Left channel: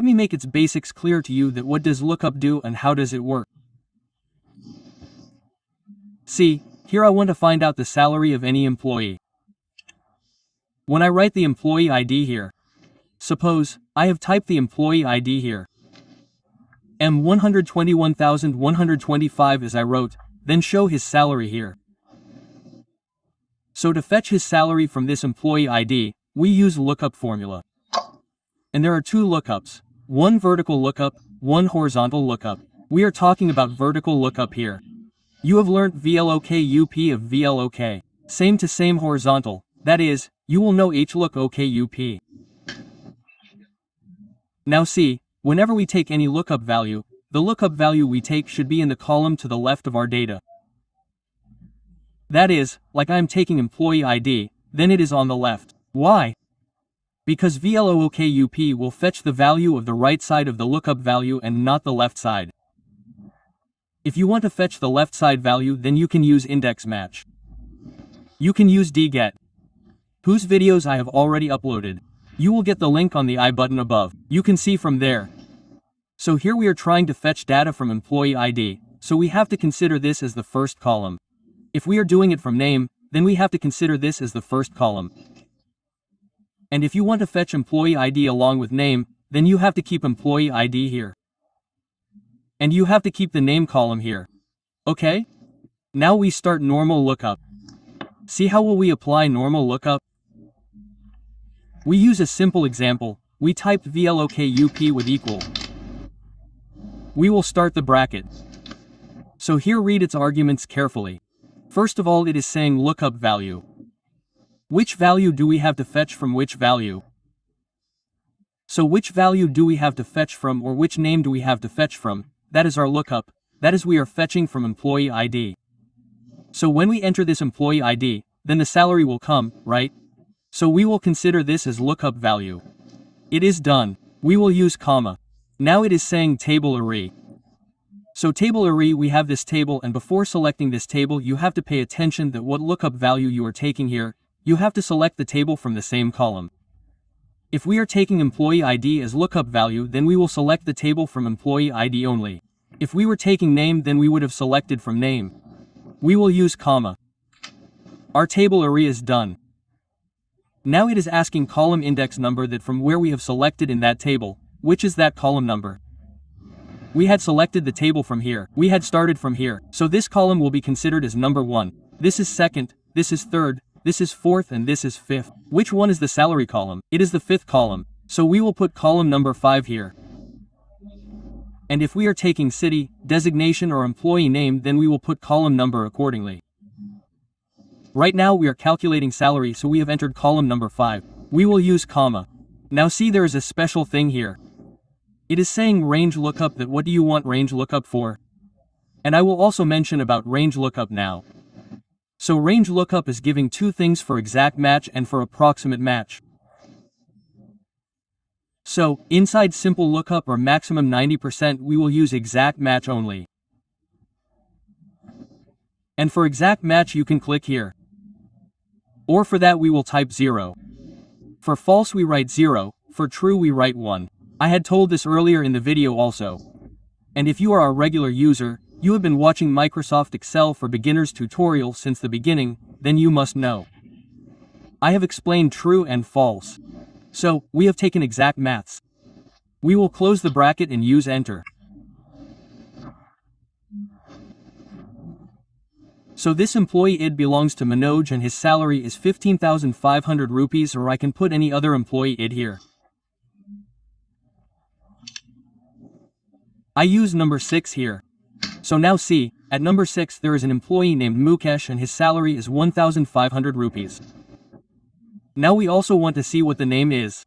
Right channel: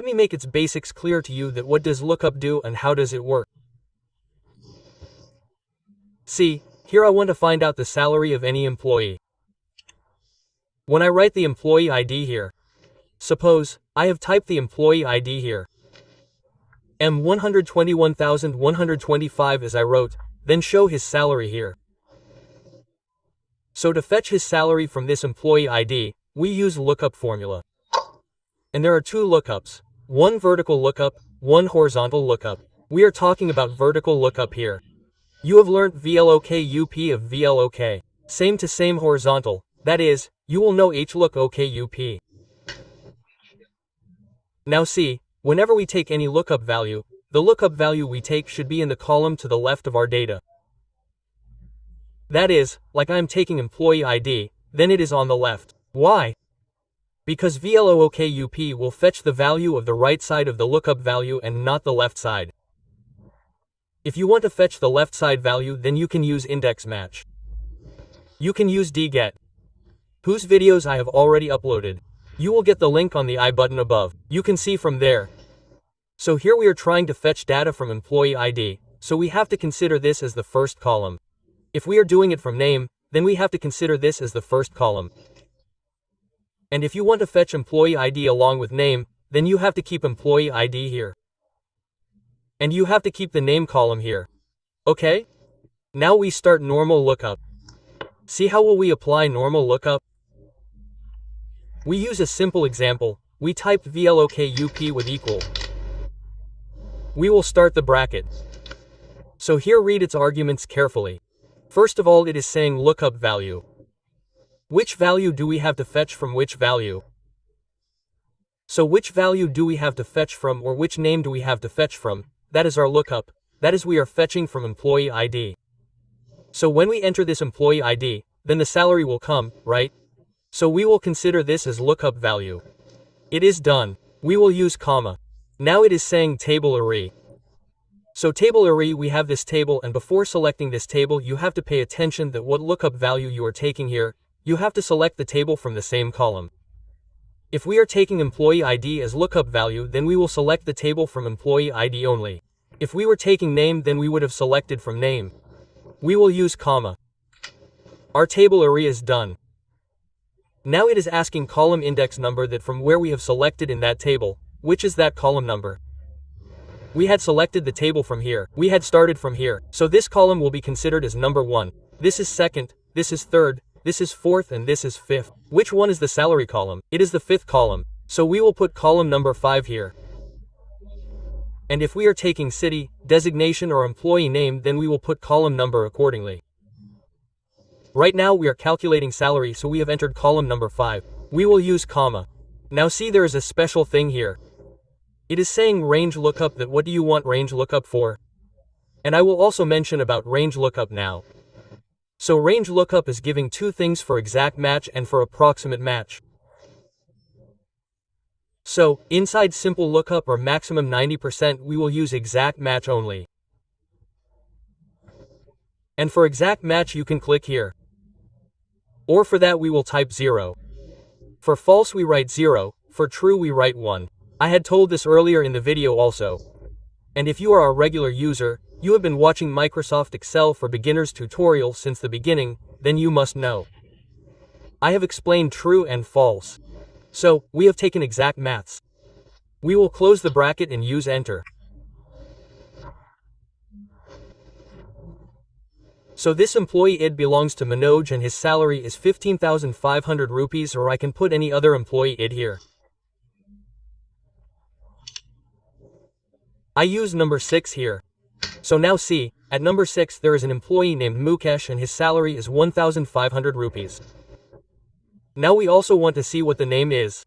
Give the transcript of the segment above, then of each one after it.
Let me make its basics clear to you that what does lookup do and how does it work. See, here I want to find out the salary of any employee. When I write the employee ID here, suppose I have typed the employee ID here, M121,125 as I wrote, then show his salary here. So to fetch his salary from this employee ID, we use lookup formula. And there are two lookups, one vertical lookup, one horizontal lookup. We are talking about vertical lookup here. You have learnt VLOOKUP of VLOOK. Same to same horizontal, that is, you will know HLOOKUP. Now see, whenever we take any lookup value, the lookup value we take should be in the column to the left of our data. That is, like I am taking employee ID, then it is on the left. Why? Because VLOOKUP will fetch the value of the right side of the lookup value and not the left side. If you want to fetch the left side value, then you can use index match. You can use dget, whose videos I have already uploaded. You will get the link on the I button above. You can see from there. So here we are trying to fetch data from employee ID, so we have to consider this as the first column. If we are doing it from name, then we have to consider this as the first column. And if you want to fetch employee ID along with name, then you have to keep employee ID here. And you have to keep the name column here. Okay? Now we start normal lookup. See how will we apply normal lookup? We use a simple example. We type VLOOKUP with equal. We will start the bracket. So here read its arguments carefully. First of all, it is saying lookup value. Which value do we have to fetch from which value? So which value do we have to fetch from, or which name do we have to fetch from? That is our lookup, that is we are fetching from employee ID. So when we enter this employee ID, then the salary will come, right? So we will consider this as lookup value. It is done. We will use comma. Now it is saying table array. So table array, we have this table, and before selecting this table you have to pay attention that what lookup value you are taking here, you have to select the table from the same column. If we are taking employee ID as lookup value, then we will select the table from employee ID only. If we were taking name, then we would have selected from name. We will use comma. Our table array is done. Now it is asking column index number, that from where we have selected in that table, which is that column number. We had selected the table from here. We had started from here. So this column will be considered as number 1. This is second, this is third, this is fourth, and this is fifth. Which one is the salary column? It is the fifth column. So we will put column number 5 here. And if we are taking city, designation, or employee name, then we will put column number accordingly. Right now we are calculating salary, so we have entered column number 5. We will use comma. Now see, there is a special thing here. It is saying range lookup, that what do you want range lookup for? And I will also mention about range lookup now. So range lookup is giving two things, for exact match and for approximate match. So, inside simple lookup or maximum 90%, we will use exact match only. And for exact match you can click here. Or for that we will type 0. For false we write 0, for true we write 1. I had told this earlier in the video also. And if you are a regular user, you have been watching Microsoft Excel for Beginners tutorial since the beginning, then you must know. I have explained true and false. So, we have taken exact maths. We will close the bracket and use enter. So this employee ID belongs to Manoj and his salary is 15,500 rupees, or I can put any other employee ID here. I use number 6 here. So now see, at number 6 there is an employee named Mukesh and his salary is 1,500 rupees. Now we also want to see what the name is.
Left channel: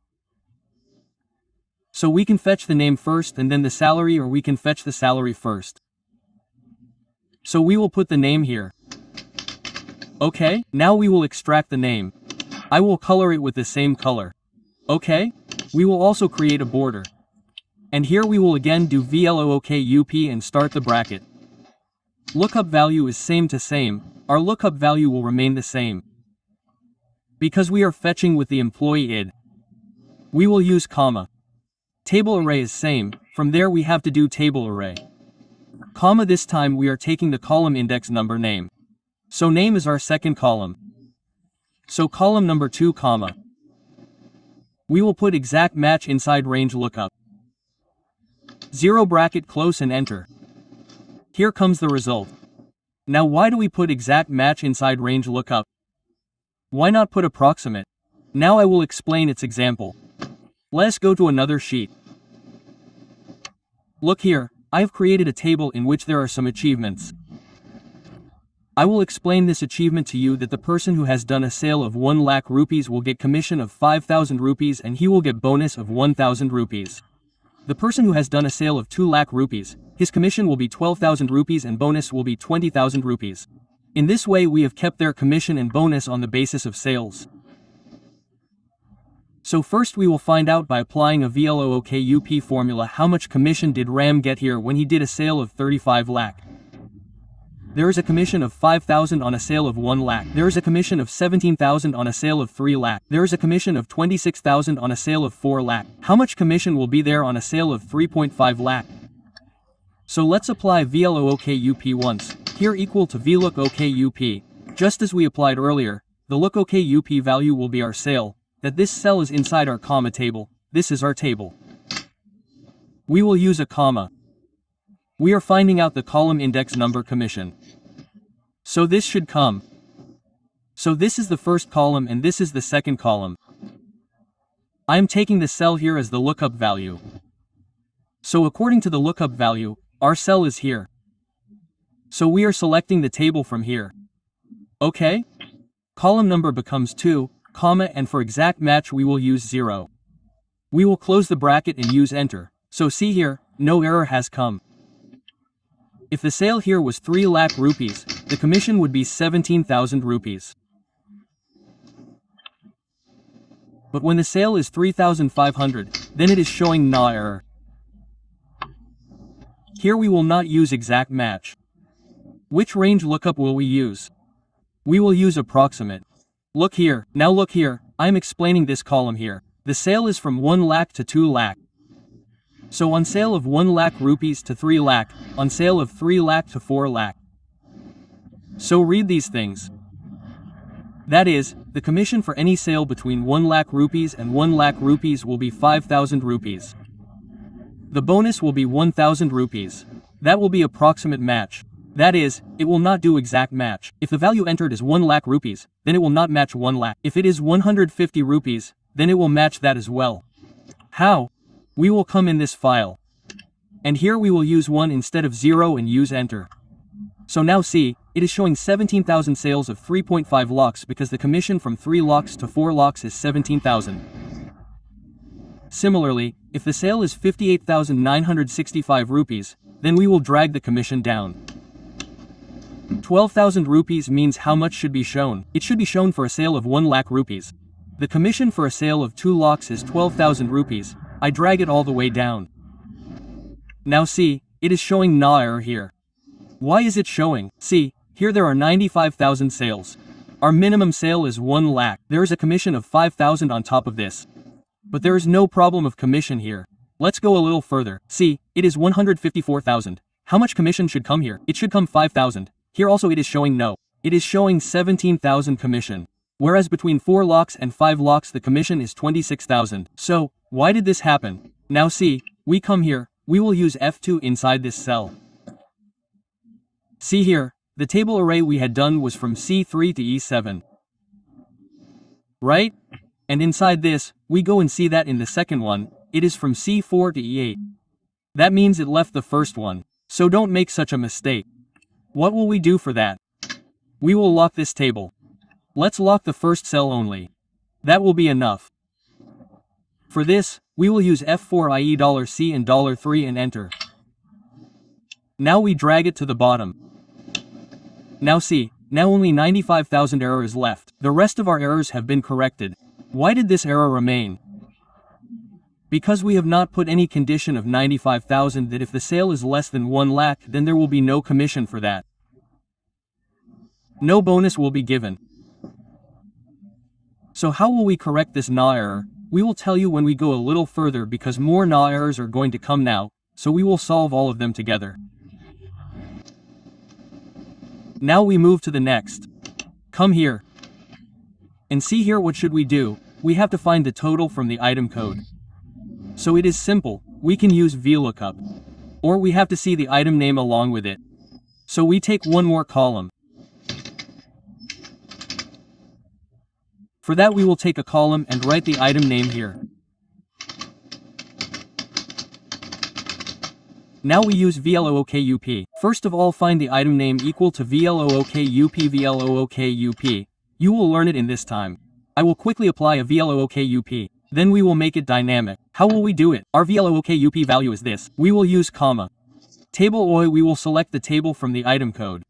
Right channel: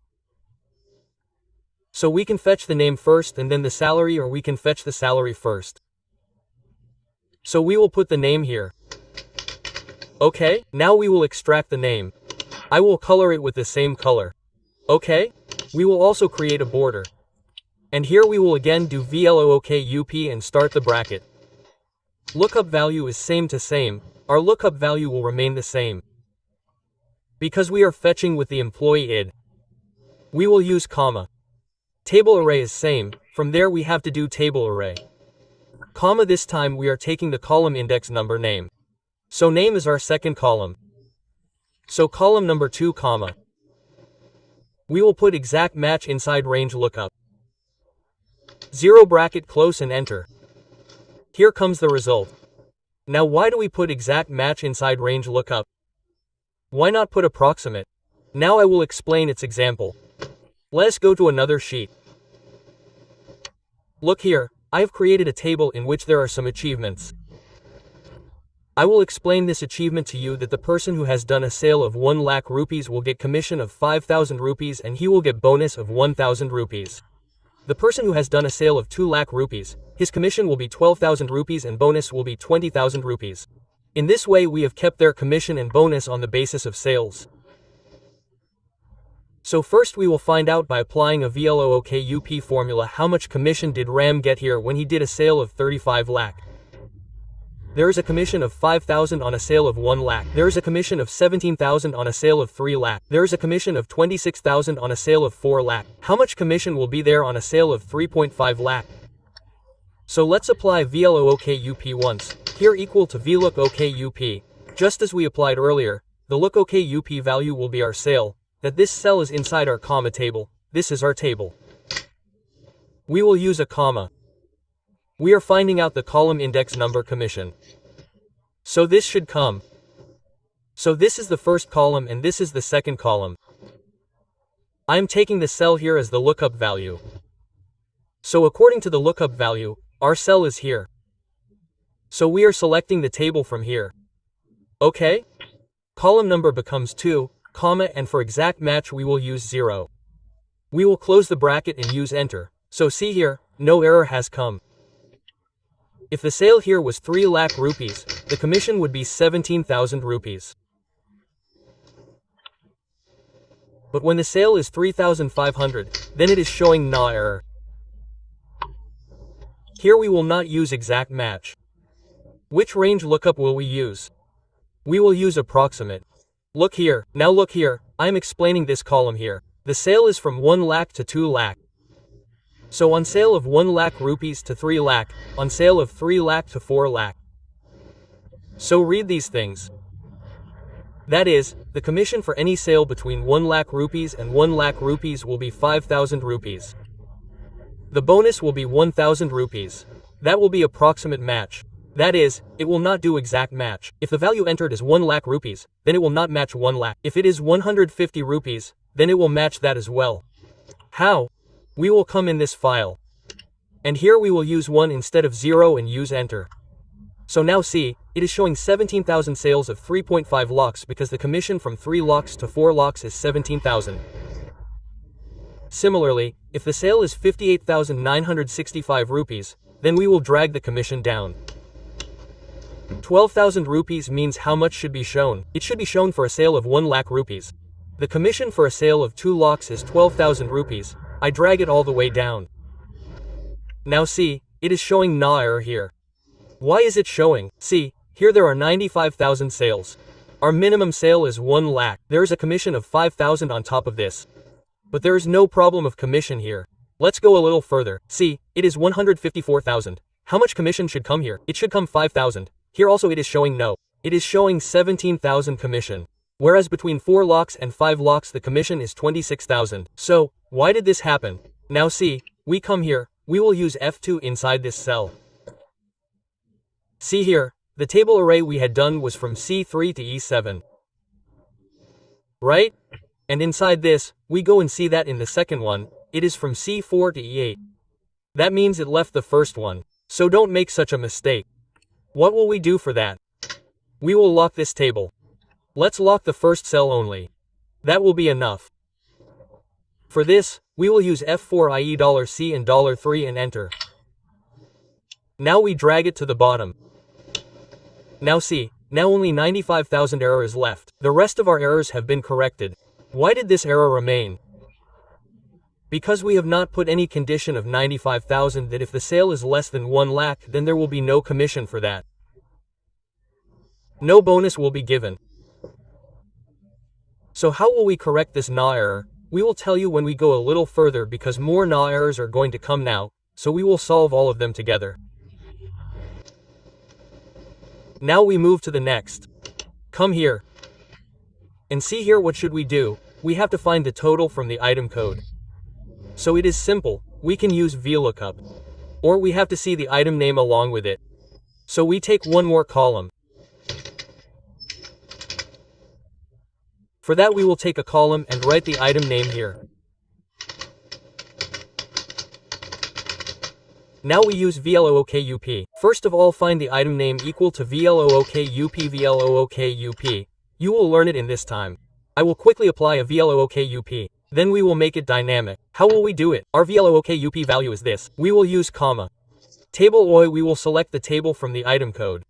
So we can fetch the name first and then the salary, or we can fetch the salary first. So we will put the name here. Okay, now we will extract the name. I will color it with the same color. Okay, we will also create a border. And here we will again do VLOOKUP and start the bracket. Lookup value is same to same, our lookup value will remain the same. Because we are fetching with the employee ID, we will use comma. Table array is same, from there we have to do table array. Comma, this time we are taking the column index number name. So name is our second column. So column number 2 comma. We will put exact match inside range lookup. 0 bracket close and enter. Here comes the result. Now why do we put exact match inside range lookup? Why not put approximate? Now I will explain its example. Let's go to another sheet. Look here, I have created a table in which there are some achievements. I will explain this achievement to you that the person who has done a sale of 1 lakh rupees will get commission of 5,000 rupees and he will get bonus of 1,000 rupees. The person who has done a sale of 2 lakh rupees, his commission will be 12,000 rupees and bonus will be 20,000 rupees. In this way we have kept their commission and bonus on the basis of sales. So first we will find out by applying a VLOOKUP formula how much commission did Ram get here when he did a sale of 35 lakh. There is a commission of 5,000 on a sale of 1 lakh. There is a commission of 17,000 on a sale of 3 lakh. There is a commission of 26,000 on a sale of 4 lakh. How much commission will be there on a sale of 3.5 lakh? So let's apply VLOOKUP once, here equal to VLOOKUP. Just as we applied earlier, the LOOKUP value will be our sale, that this cell is inside our comma table, this is our table. We will use a comma. We are finding out the column index number commission. So this should come. So this is the first column and this is the second column. I am taking the cell here as the lookup value. So according to the lookup value, our cell is here. So we are selecting the table from here. Okay? Column number becomes 2, comma, and for exact match we will use 0. We will close the bracket and use enter. So see here, no error has come. If the sale here was 3 lakh rupees, the commission would be 17,000 rupees. But when the sale is 3,500, then it is showing no error. Here we will not use exact match. Which range lookup will we use? We will use approximate. Look here, now look here, I am explaining this column here. The sale is from 1 lakh to 2 lakh. So on sale of 1 lakh rupees to 3 lakh, on sale of 3 lakh to 4 lakh. So read these things. That is, the commission for any sale between 1 lakh rupees and 1 lakh rupees will be 5,000 rupees. The bonus will be 1,000 rupees. That will be approximate match. That is, it will not do exact match. If the value entered is 1 lakh rupees, then it will not match 1 lakh. If it is 150 rupees, then it will match that as well. How? We will come in this file. And here we will use 1 instead of 0 and use enter. So now see, it is showing 17,000 sales of 3.5 lakhs because the commission from 3 lakhs to 4 lakhs is 17,000. Similarly, if the sale is 58,965 rupees, then we will drag the commission down. 12,000 rupees means how much should be shown? It should be shown for a sale of 1 lakh rupees. The commission for a sale of 2 lakhs is 12,000 rupees. I drag it all the way down. Now see, it is showing no error here. Why is it showing? See, here there are 95,000 sales. Our minimum sale is 1 lakh. There is a commission of 5,000 on top of this. But there is no problem of commission here. Let's go a little further. See, it is 154,000. How much commission should come here? It should come 5,000. Here also it is showing no. It is showing 17,000 commission. Whereas between 4 lakhs and 5 lakhs the commission is 26,000. So, why did this happen? Now see, we come here, we will use F2 inside this cell. See here, the table array we had done was from C3 to E7. Right? And inside this, we go and see that in the second one, it is from C4 to E8. That means it left the first one. So don't make such a mistake. What will we do for that? We will lock this table. Let's lock the first cell only. That will be enough. For this, we will use F4 i.e. $C and $3 and enter. Now we drag it to the bottom. Now see, now only 95,000 error is left. The rest of our errors have been corrected. Why did this error remain? Because we have not put any condition of 95,000 that if the sale is less than 1 lakh then there will be no commission for that. No bonus will be given. So how will we correct this no error? We will tell you when we go a little further because more NA errors are going to come now, so we will solve all of them together. Now we move to the next. Come here. And see here, what should we do? We have to find the total from the item code. So it is simple, we can use VLOOKUP. Or we have to see the item name along with it. So we take one more column. For that we will take a column and write the item name here. Now we use VLOOKUP. First of all, find the item name equal to VLOOKUP VLOOKUP. You will learn it in this time. I will quickly apply a VLOOKUP. Then we will make it dynamic. How will we do it? Our VLOOKUP value is this. We will use comma. Table OI, we will select the table from the item code.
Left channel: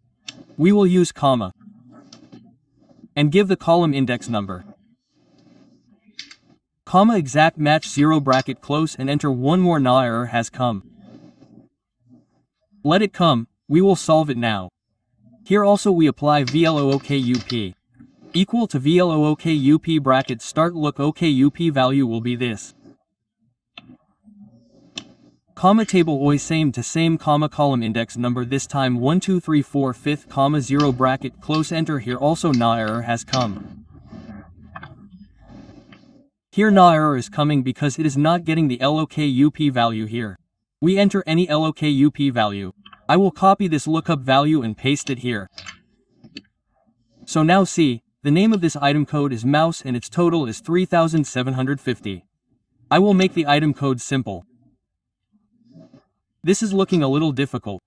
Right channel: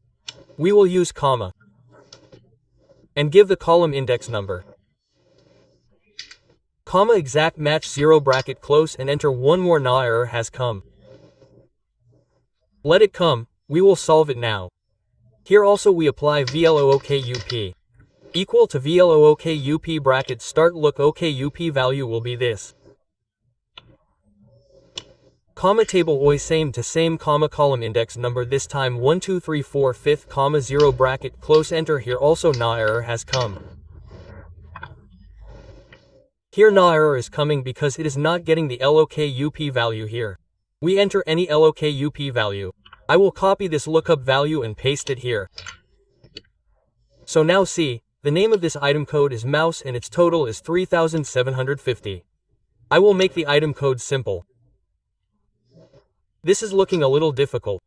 We will use comma. And give the column index number. Comma exact match 0 bracket close and enter one more NA error has come. Let it come, we will solve it now. Here also we apply VLOOKUP. Equal to VLOOKUP bracket start look OKUP value will be this. Comma table OI same to same comma column index number this time 1 2 3 4 5th comma 0 bracket close enter here also NA error has come. Here NA error is coming because it is not getting the LOKUP value here. We enter any LOKUP value. I will copy this lookup value and paste it here. So now see, the name of this item code is mouse and its total is 3750. I will make the item code simple. This is looking a little difficult.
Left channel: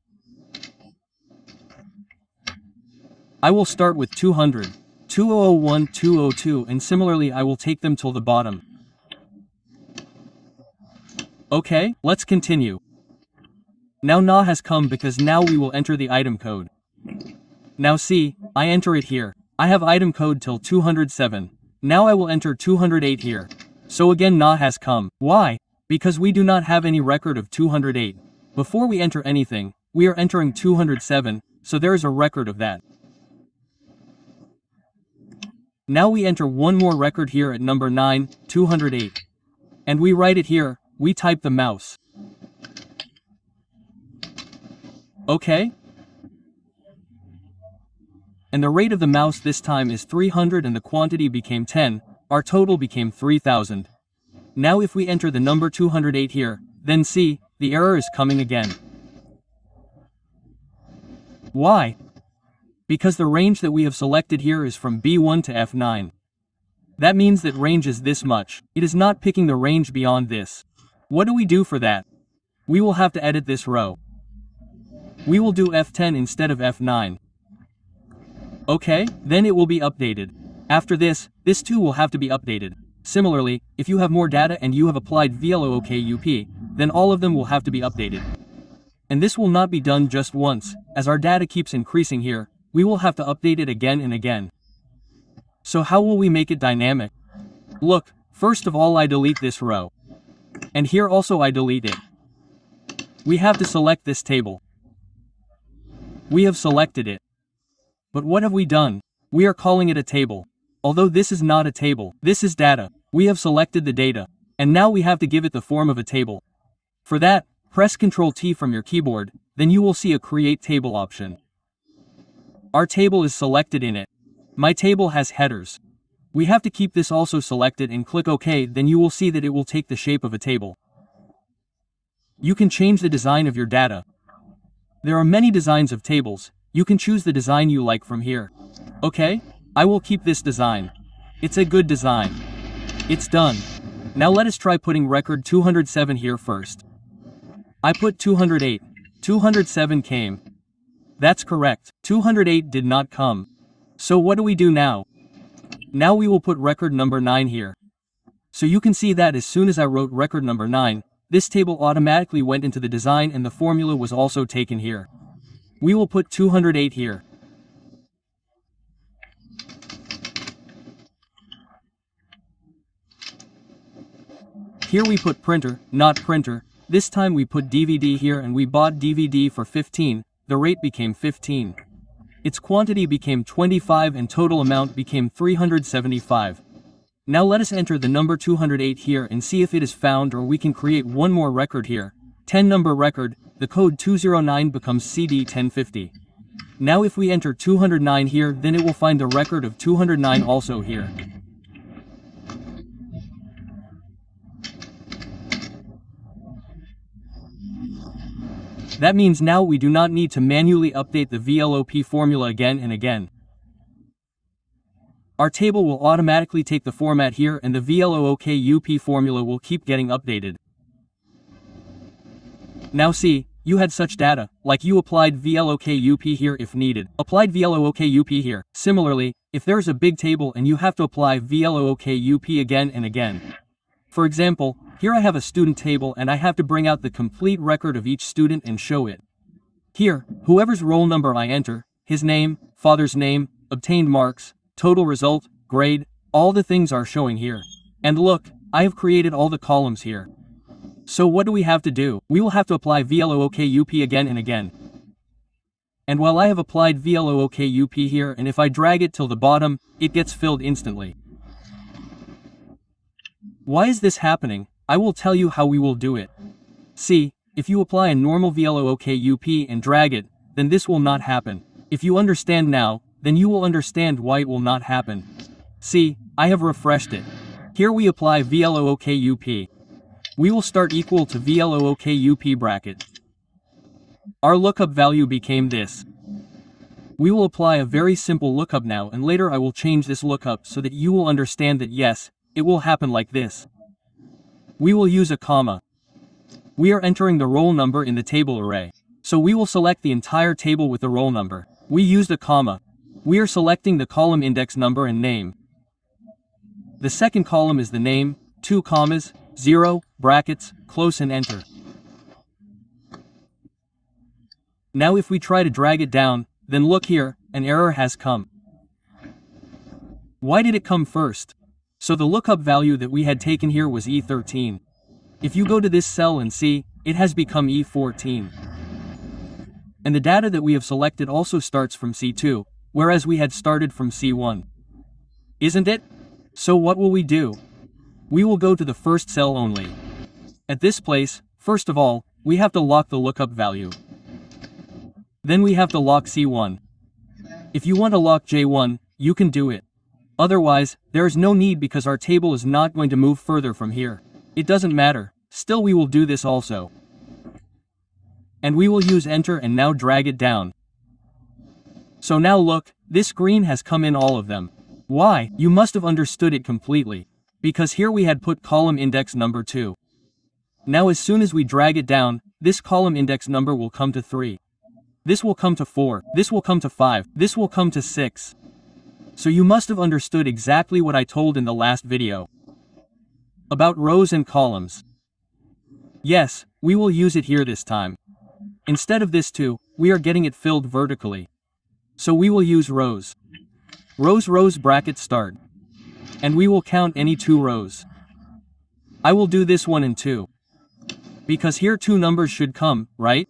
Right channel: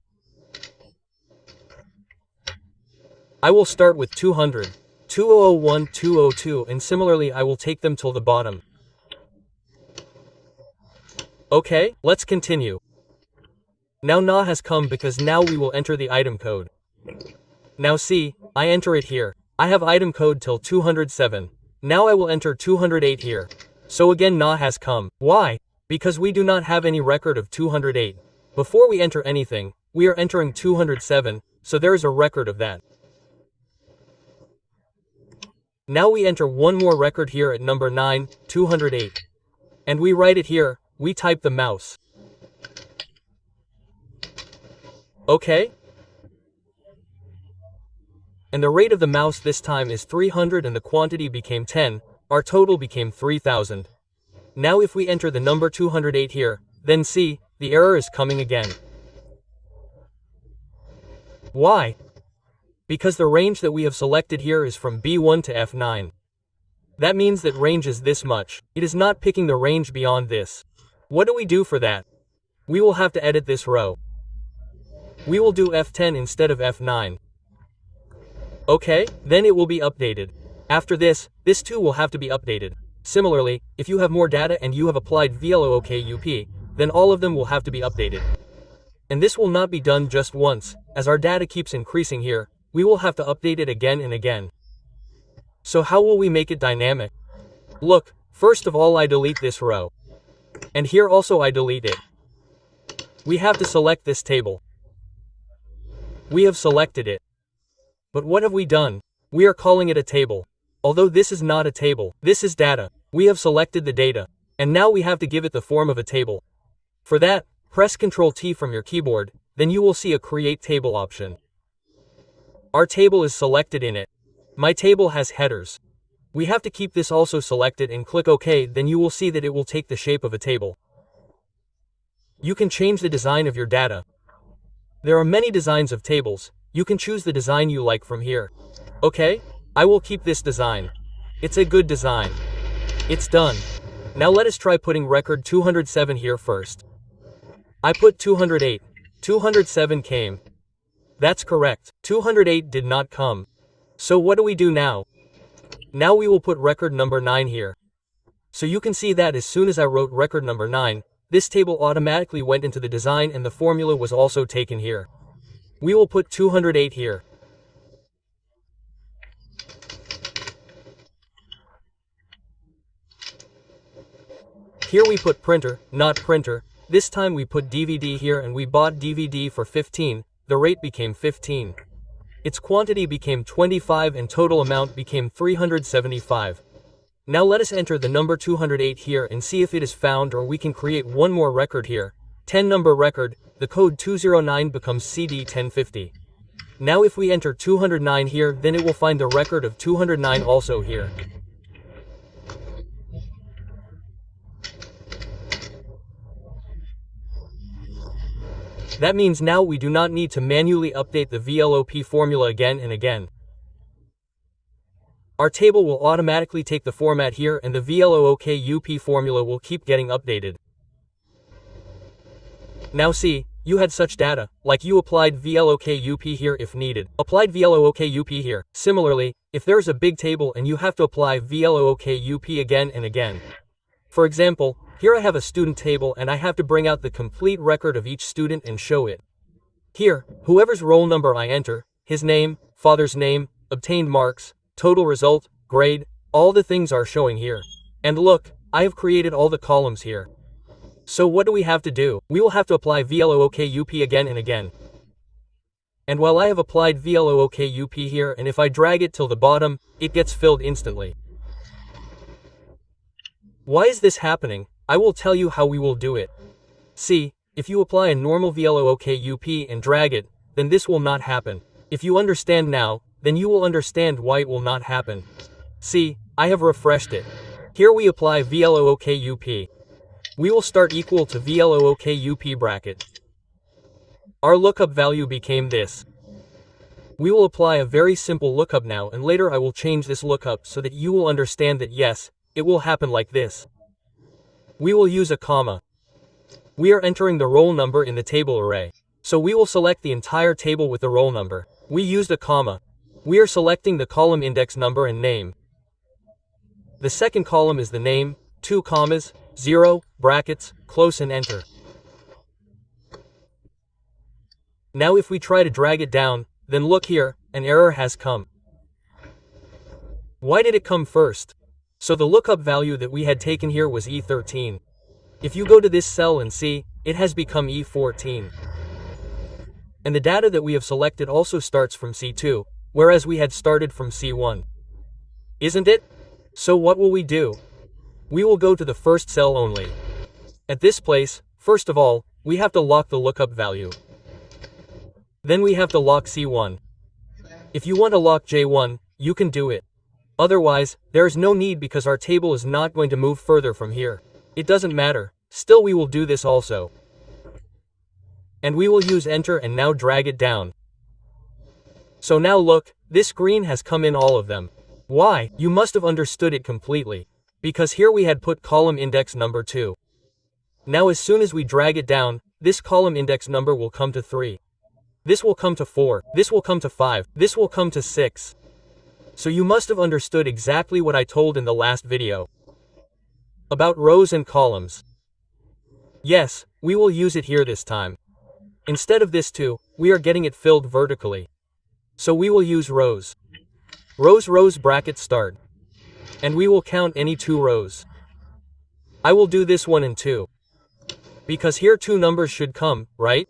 I will start with 200, 2001, 202 and similarly I will take them till the bottom. Okay, let's continue. Now NA has come because now we will enter the item code. Now see, I enter it here. I have item code till 207. Now I will enter 208 here. So again NA has come. Why? Because we do not have any record of 208. Before we enter anything, we are entering 207, so there is a record of that. Now we enter one more record here at number 9, 208. And we write it here, we type the mouse. Okay? And the rate of the mouse this time is 300 and the quantity became 10, our total became 3000. Now if we enter the number 208 here, then see, the error is coming again. Why? Because the range that we have selected here is from B1 to F9. That means that range is this much. It is not picking the range beyond this. What do we do for that? We will have to edit this row. We will do F10 instead of F9. Okay, then it will be updated. After this too will have to be updated. Similarly, if you have more data and you have applied VLOOKUP, then all of them will have to be updated. And this will not be done just once, as our data keeps increasing here, we will have to update it again and again. So how will we make it dynamic? Look, first of all I delete this row. And here also I delete it. We have to select this table. We have selected it. But what have we done? We are calling it a table. Although this is not a table, this is data. We have selected the data. And now we have to give it the form of a table. For that, press Ctrl T from your keyboard, then you will see a Create Table option. Our table is selected in it. My table has headers. We have to keep this also selected and click OK, then you will see that it will take the shape of a table. You can change the design of your data. There are many designs of tables. You can choose the design you like from here. Okay? I will keep this design. It's a good design. It's done. Now let us try putting record 207 here first. I put 208. 207 came. That's correct. 208 did not come. So what do we do now? Now we will put record number 9 here. So you can see that as soon as I wrote record number 9, this table automatically went into the design and the formula was also taken here. We will put 208 here. Here we put printer, not printer. This time we put DVD here and we bought DVD for 15, the rate became 15. Its quantity became 25 and total amount became 375. Now let us enter the number 208 here and see if it is found, or we can create one more record here. 10 number record, the code 209 becomes CD 1050. Now if we enter 209 here, then it will find the record of 209 also here. That means now we do not need to manually update the VLOOKUP formula again and again. Our table will automatically take the format here, and the VLOOKUP formula will keep getting updated. Now see, you had such data, like you applied VLOOKUP here if needed, applied VLOOKUP here. Similarly, if there's a big table and you have to apply VLOOKUP again and again. For example, here I have a student table and I have to bring out the complete record of each student and show it. Here, whoever's roll number I enter, his name, father's name, obtained marks, total result, grade, all the things are showing here. And look, I have created all the columns here. So what do we have to do? We will have to apply VLOOKUP again and again. And while I have applied VLOOKUP here, and if I drag it till the bottom, it gets filled instantly. Why is this happening? I will tell you how we will do it. See, if you apply a normal VLOOKUP and drag it, then this will not happen. If you understand now, then you will understand why it will not happen. See, I have refreshed it. Here we apply VLOOKUP. We will start equal to VLOOKUP bracket. Our lookup value became this. We will apply a very simple lookup now, and later I will change this lookup so that you will understand that yes, it will happen like this. We will use a comma. We are entering the roll number in the table array. So we will select the entire table with the roll number. We used a comma. We are selecting the column index number and name. The second column is the name, 2 commas, 0, brackets, close and enter. Now if we try to drag it down, then look here, an error has come. Why did it come first? So the lookup value that we had taken here was E13. If you go to this cell and see, it has become E14. And the data that we have selected also starts from C2, whereas we had started from C1. Isn't it? So what will we do? We will go to the first cell only. At this place, first of all, we have to lock the lookup value. Then we have to lock C1. If you want to lock J1, you can do it. Otherwise, there is no need because our table is not going to move further from here. It doesn't matter, still we will do this also. And we will use enter and now drag it down. So now look, this green has come in all of them. Why? You must have understood it completely. Because here we had put column index number 2. Now as soon as we drag it down, this column index number will come to 3. This will come to 4, this will come to 5, this will come to 6. So you must have understood exactly what I told in the last video. About rows and columns. Yes, we will use it here this time. Instead of this 2, we are getting it filled vertically. So we will use rows. Rows bracket start. And we will count any 2 rows. I will do this 1 and 2. Because here 2 numbers should come, right?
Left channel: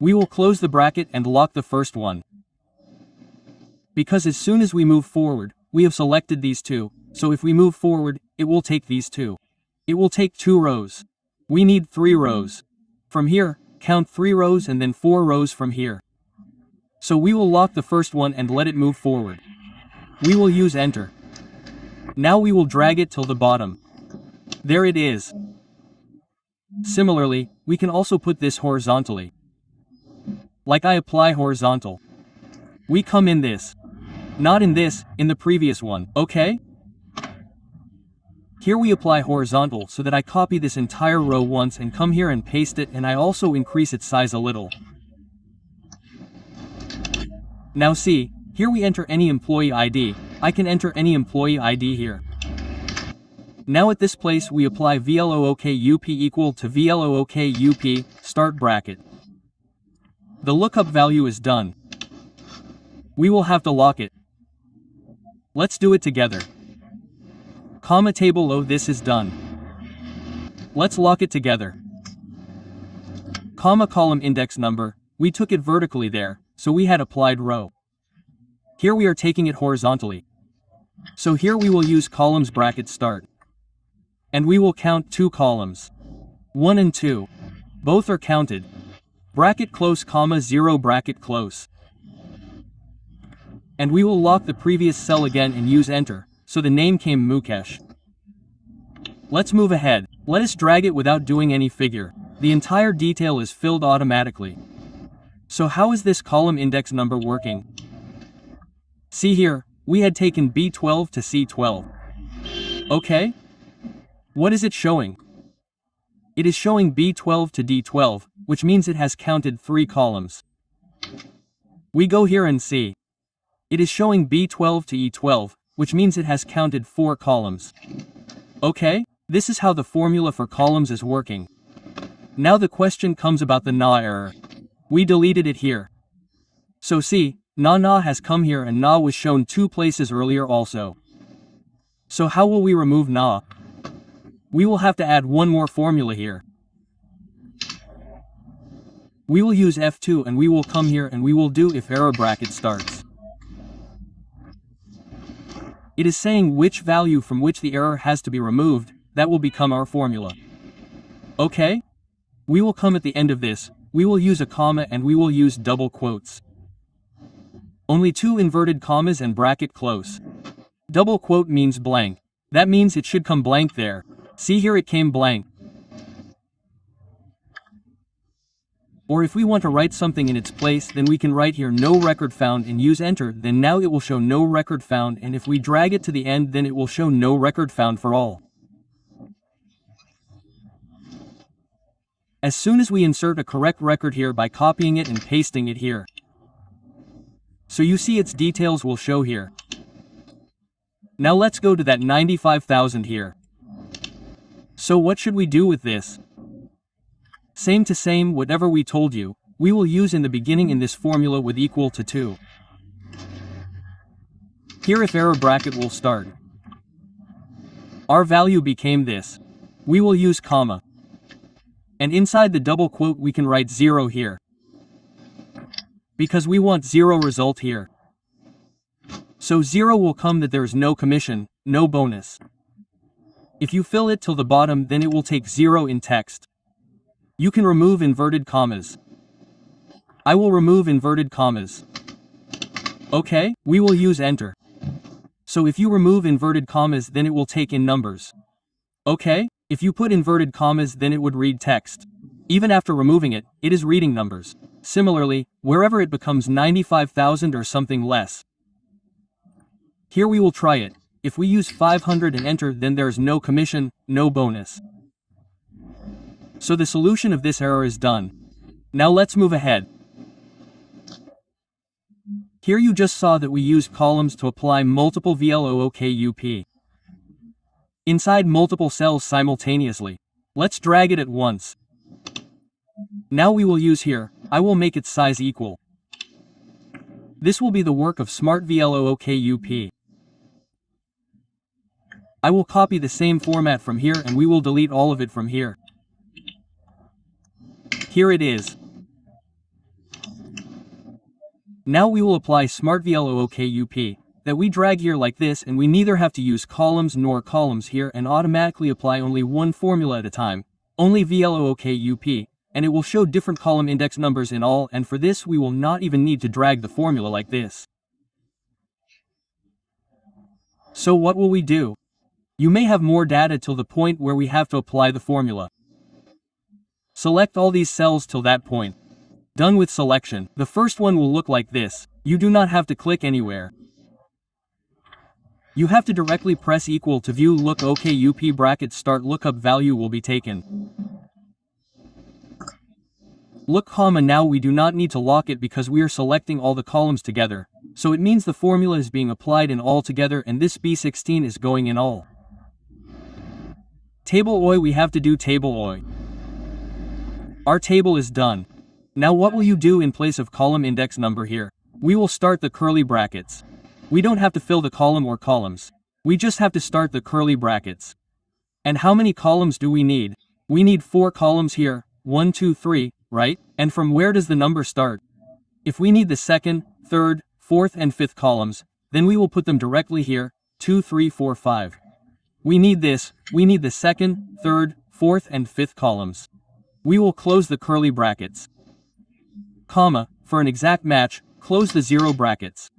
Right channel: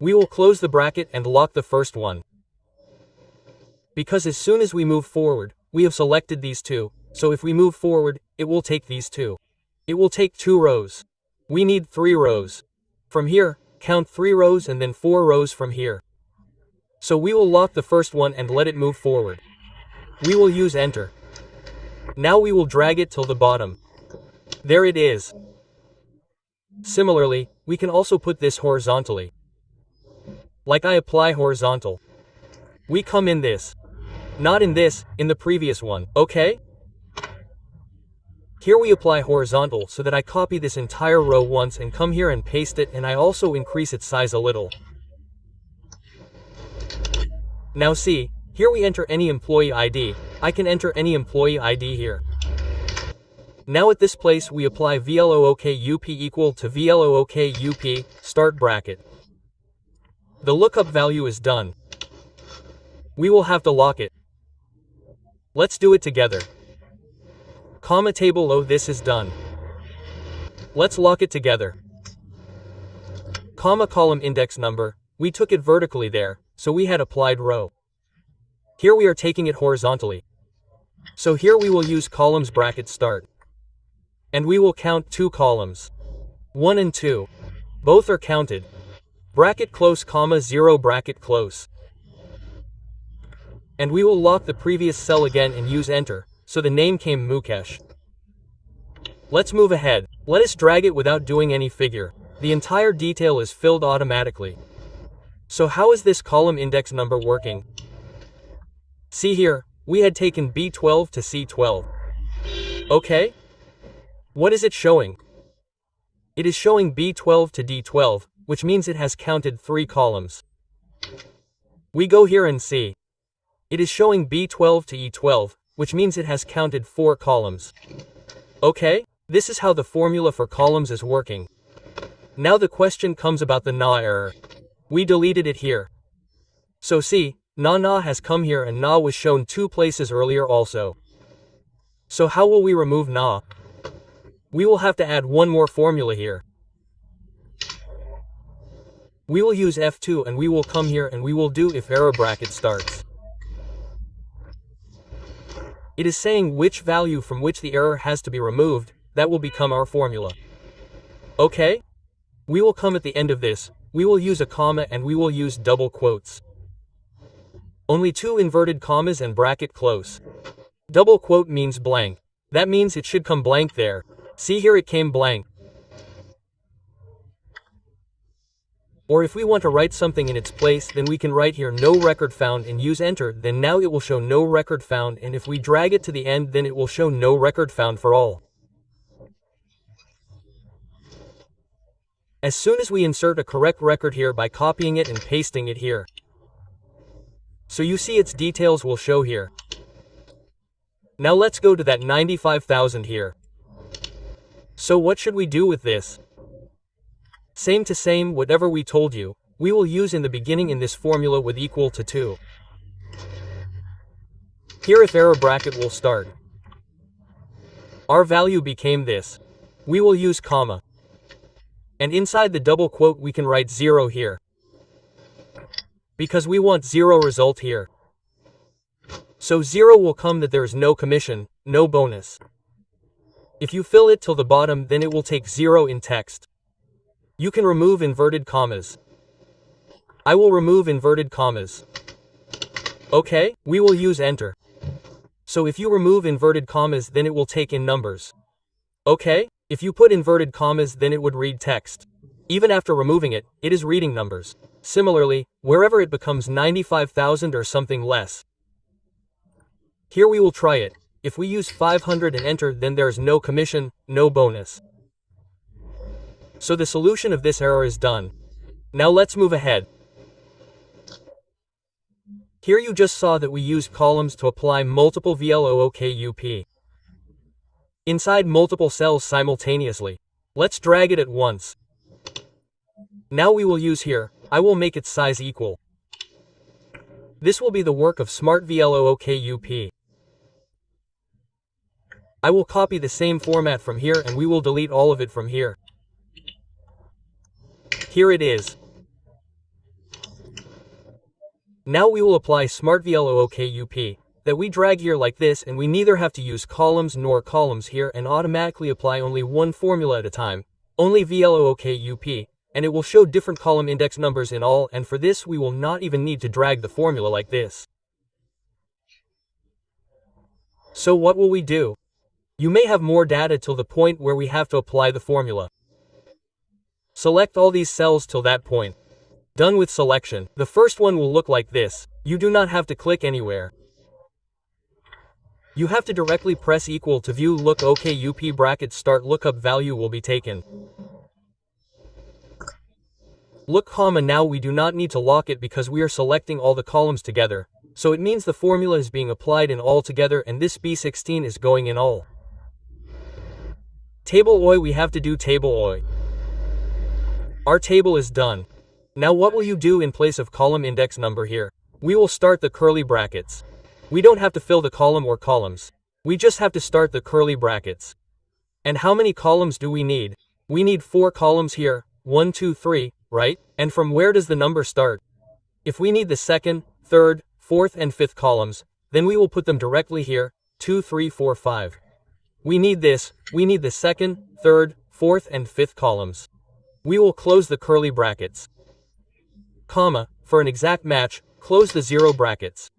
We will close the bracket and lock the first one. Because as soon as we move forward, we have selected these 2, so if we move forward, it will take these 2. It will take 2 rows. We need 3 rows. From here, count 3 rows and then 4 rows from here. So we will lock the first one and let it move forward. We will use enter. Now we will drag it till the bottom. There it is. Similarly, we can also put this horizontally. Like I apply horizontal. We come in this. Not in this, in the previous one, okay? Here we apply horizontal so that I copy this entire row once and come here and paste it, and I also increase its size a little. Now see, here we enter any employee ID. I can enter any employee ID here. Now at this place we apply VLOOKUP equal to VLOOKUP, start bracket. The lookup value is done. We will have to lock it. Let's do it together. Comma table O, this is done. Let's lock it together. Comma column index number, we took it vertically there, so we had applied row. Here we are taking it horizontally. So here we will use columns bracket start. And we will count 2 columns. 1 and 2. Both are counted. Bracket close comma 0 bracket close. And we will lock the previous cell again and use enter, so the name came Mukesh. Let's move ahead. Let us drag it without doing any figure. The entire detail is filled automatically. So how is this column index number working? See here, we had taken B12 to C12. Okay? What is it showing? It is showing B12 to D12, which means it has counted 3 columns. We go here and see. It is showing B12 to E12, which means it has counted 4 columns. Okay? This is how the formula for columns is working. Now the question comes about the na error. We deleted it here. So see, na has come here and na was shown 2 places earlier also. So how will we remove na? We will have to add one more formula here. We will use F2 and we will come here and we will do if error bracket starts. It is saying which value from which the error has to be removed, that will become our formula. Okay? We will come at the end of this, we will use a comma and we will use double quotes. Only 2 inverted commas and bracket close. Double quote means blank. That means it should come blank there. See here it came blank. Or if we want to write something in its place, then we can write here no record found and use enter, then now it will show no record found, and if we drag it to the end then it will show no record found for all. As soon as we insert a correct record here by copying it and pasting it here. So you see its details will show here. Now let's go to that 95,000 here. So what should we do with this? Same to same, whatever we told you, we will use in the beginning in this formula with equal to 2. Here if error bracket will start. Our value became this. We will use comma. And inside the double quote we can write 0 here. Because we want 0 result here. So 0 will come that there is no commission, no bonus. If you fill it till the bottom then it will take 0 in text. You can remove inverted commas. I will remove inverted commas. Okay, we will use enter. So if you remove inverted commas then it will take in numbers. Okay, if you put inverted commas then it would read text. Even after removing it, it is reading numbers. Similarly, wherever it becomes 95,000 or something less. Here we will try it. If we use 500 and enter then there is no commission, no bonus. So the solution of this error is done. Now let's move ahead. Here you just saw that we used columns to apply multiple VLOOKUP inside multiple cells simultaneously. Let's drag it at once. Now we will use here, I will make its size equal. This will be the work of smart VLOOKUP. I will copy the same format from here and we will delete all of it from here. Here it is. Now we will apply smart VLOOKUP, that we drag here like this and we neither have to use columns nor columns here and automatically apply only one formula at a time, only VLOOKUP, and it will show different column index numbers in all, and for this we will not even need to drag the formula like this. So what will we do? You may have more data till the point where we have to apply the formula. Select all these cells till that point. Done with selection. The first one will look like this. You do not have to click anywhere. You have to directly press equal to view look OKUP bracket start lookup value will be taken. Look comma now we do not need to lock it because we are selecting all the columns together, so it means the formula is being applied in all together and this B16 is going in all. Table OI we have to do table OI. Our table is done. Now what will you do in place of column index number here? We will start the curly brackets. We don't have to fill the column or columns. We just have to start the curly brackets. And how many columns do we need? We need 4 columns here, 1, 2, 3, right? And from where does the number start? If we need the second, third, fourth and fifth columns, then we will put them directly here, 2, 3, 4, 5. We need this, we need the second, third, fourth and fifth columns. We will close the curly brackets. Comma, for an exact match, close the zero brackets.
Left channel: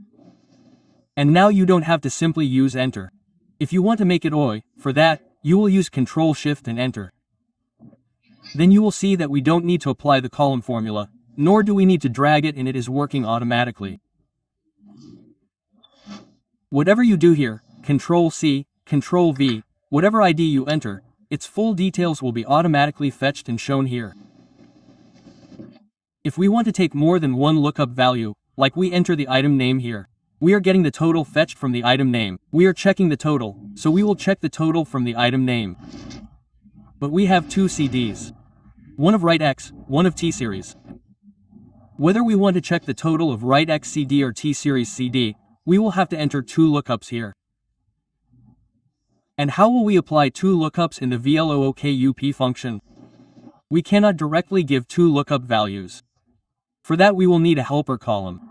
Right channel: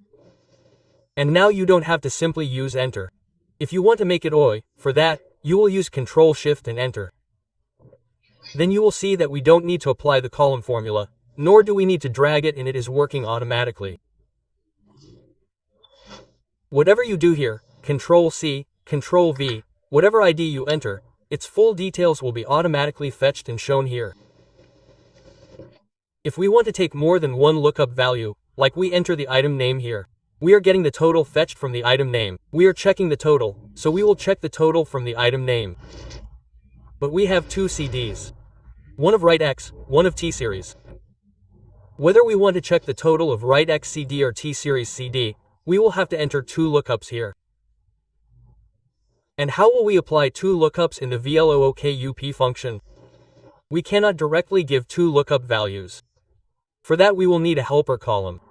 And now you don't have to simply use enter. If you want to make it OI, for that, you will use Ctrl Shift and enter. Then you will see that we don't need to apply the column formula, nor do we need to drag it, and it is working automatically. Whatever you do here, Ctrl C, Ctrl V, whatever ID you enter, its full details will be automatically fetched and shown here. If we want to take more than one lookup value, like we enter the item name here, we are getting the total fetched from the item name. We are checking the total, so we will check the total from the item name. But we have two CDs. One of write X, one of T series. Whether we want to check the total of write X CD or T series CD, we will have to enter two lookups here. And how will we apply two lookups in the VLOOKUP function? We cannot directly give two lookup values. For that we will need a helper column.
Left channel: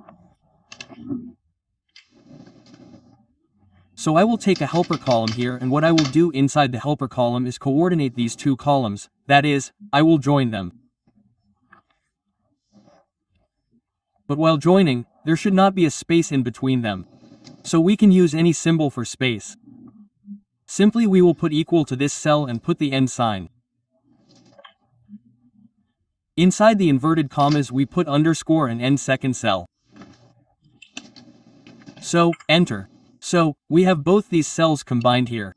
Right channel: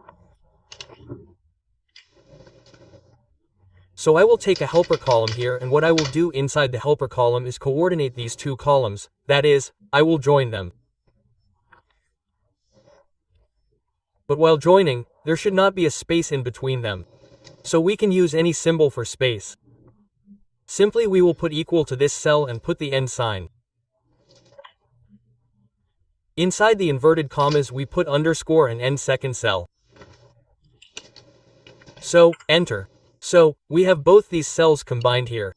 So I will take a helper column here, and what I will do inside the helper column is coordinate these two columns, that is, I will join them. But while joining, there should not be a space in between them. So we can use any symbol for space. Simply we will put equal to this cell and put the end sign. Inside the inverted commas we put underscore and end second cell. So, enter. So, we have both these cells combined here.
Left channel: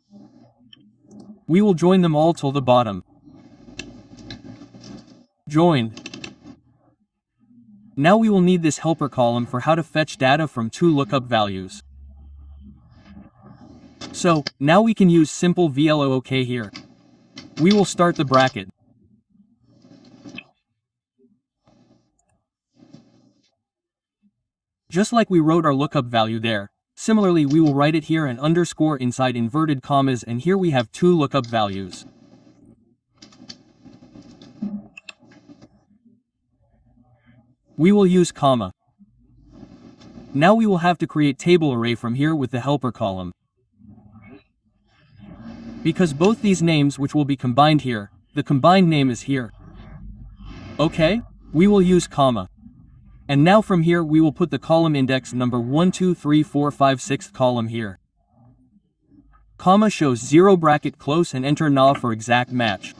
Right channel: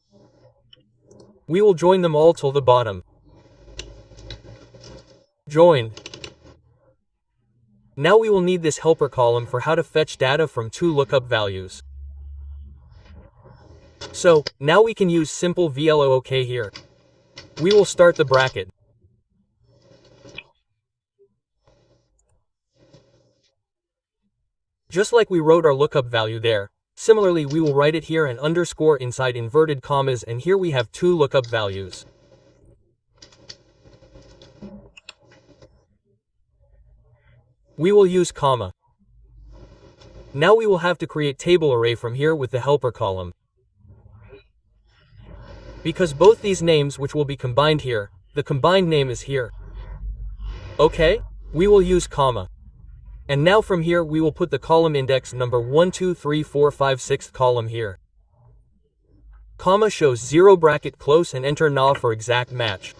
We will join them all till the bottom. Join. Now we will need this helper column for how to fetch data from two lookup values. So, now we can use simple VLOOK here. We will start the bracket. Just like we wrote our lookup value there, similarly we will write it here and underscore inside inverted commas, and here we have two lookup values. We will use comma. Now we will have to create table array from here with the helper column. Because both these names which will be combined here, the combined name is here. Okay, we will use comma. And now from here we will put the column index number 1, 2, 3, 4, 5, 6th column here. Comma shows 0 bracket close and enter null for exact match.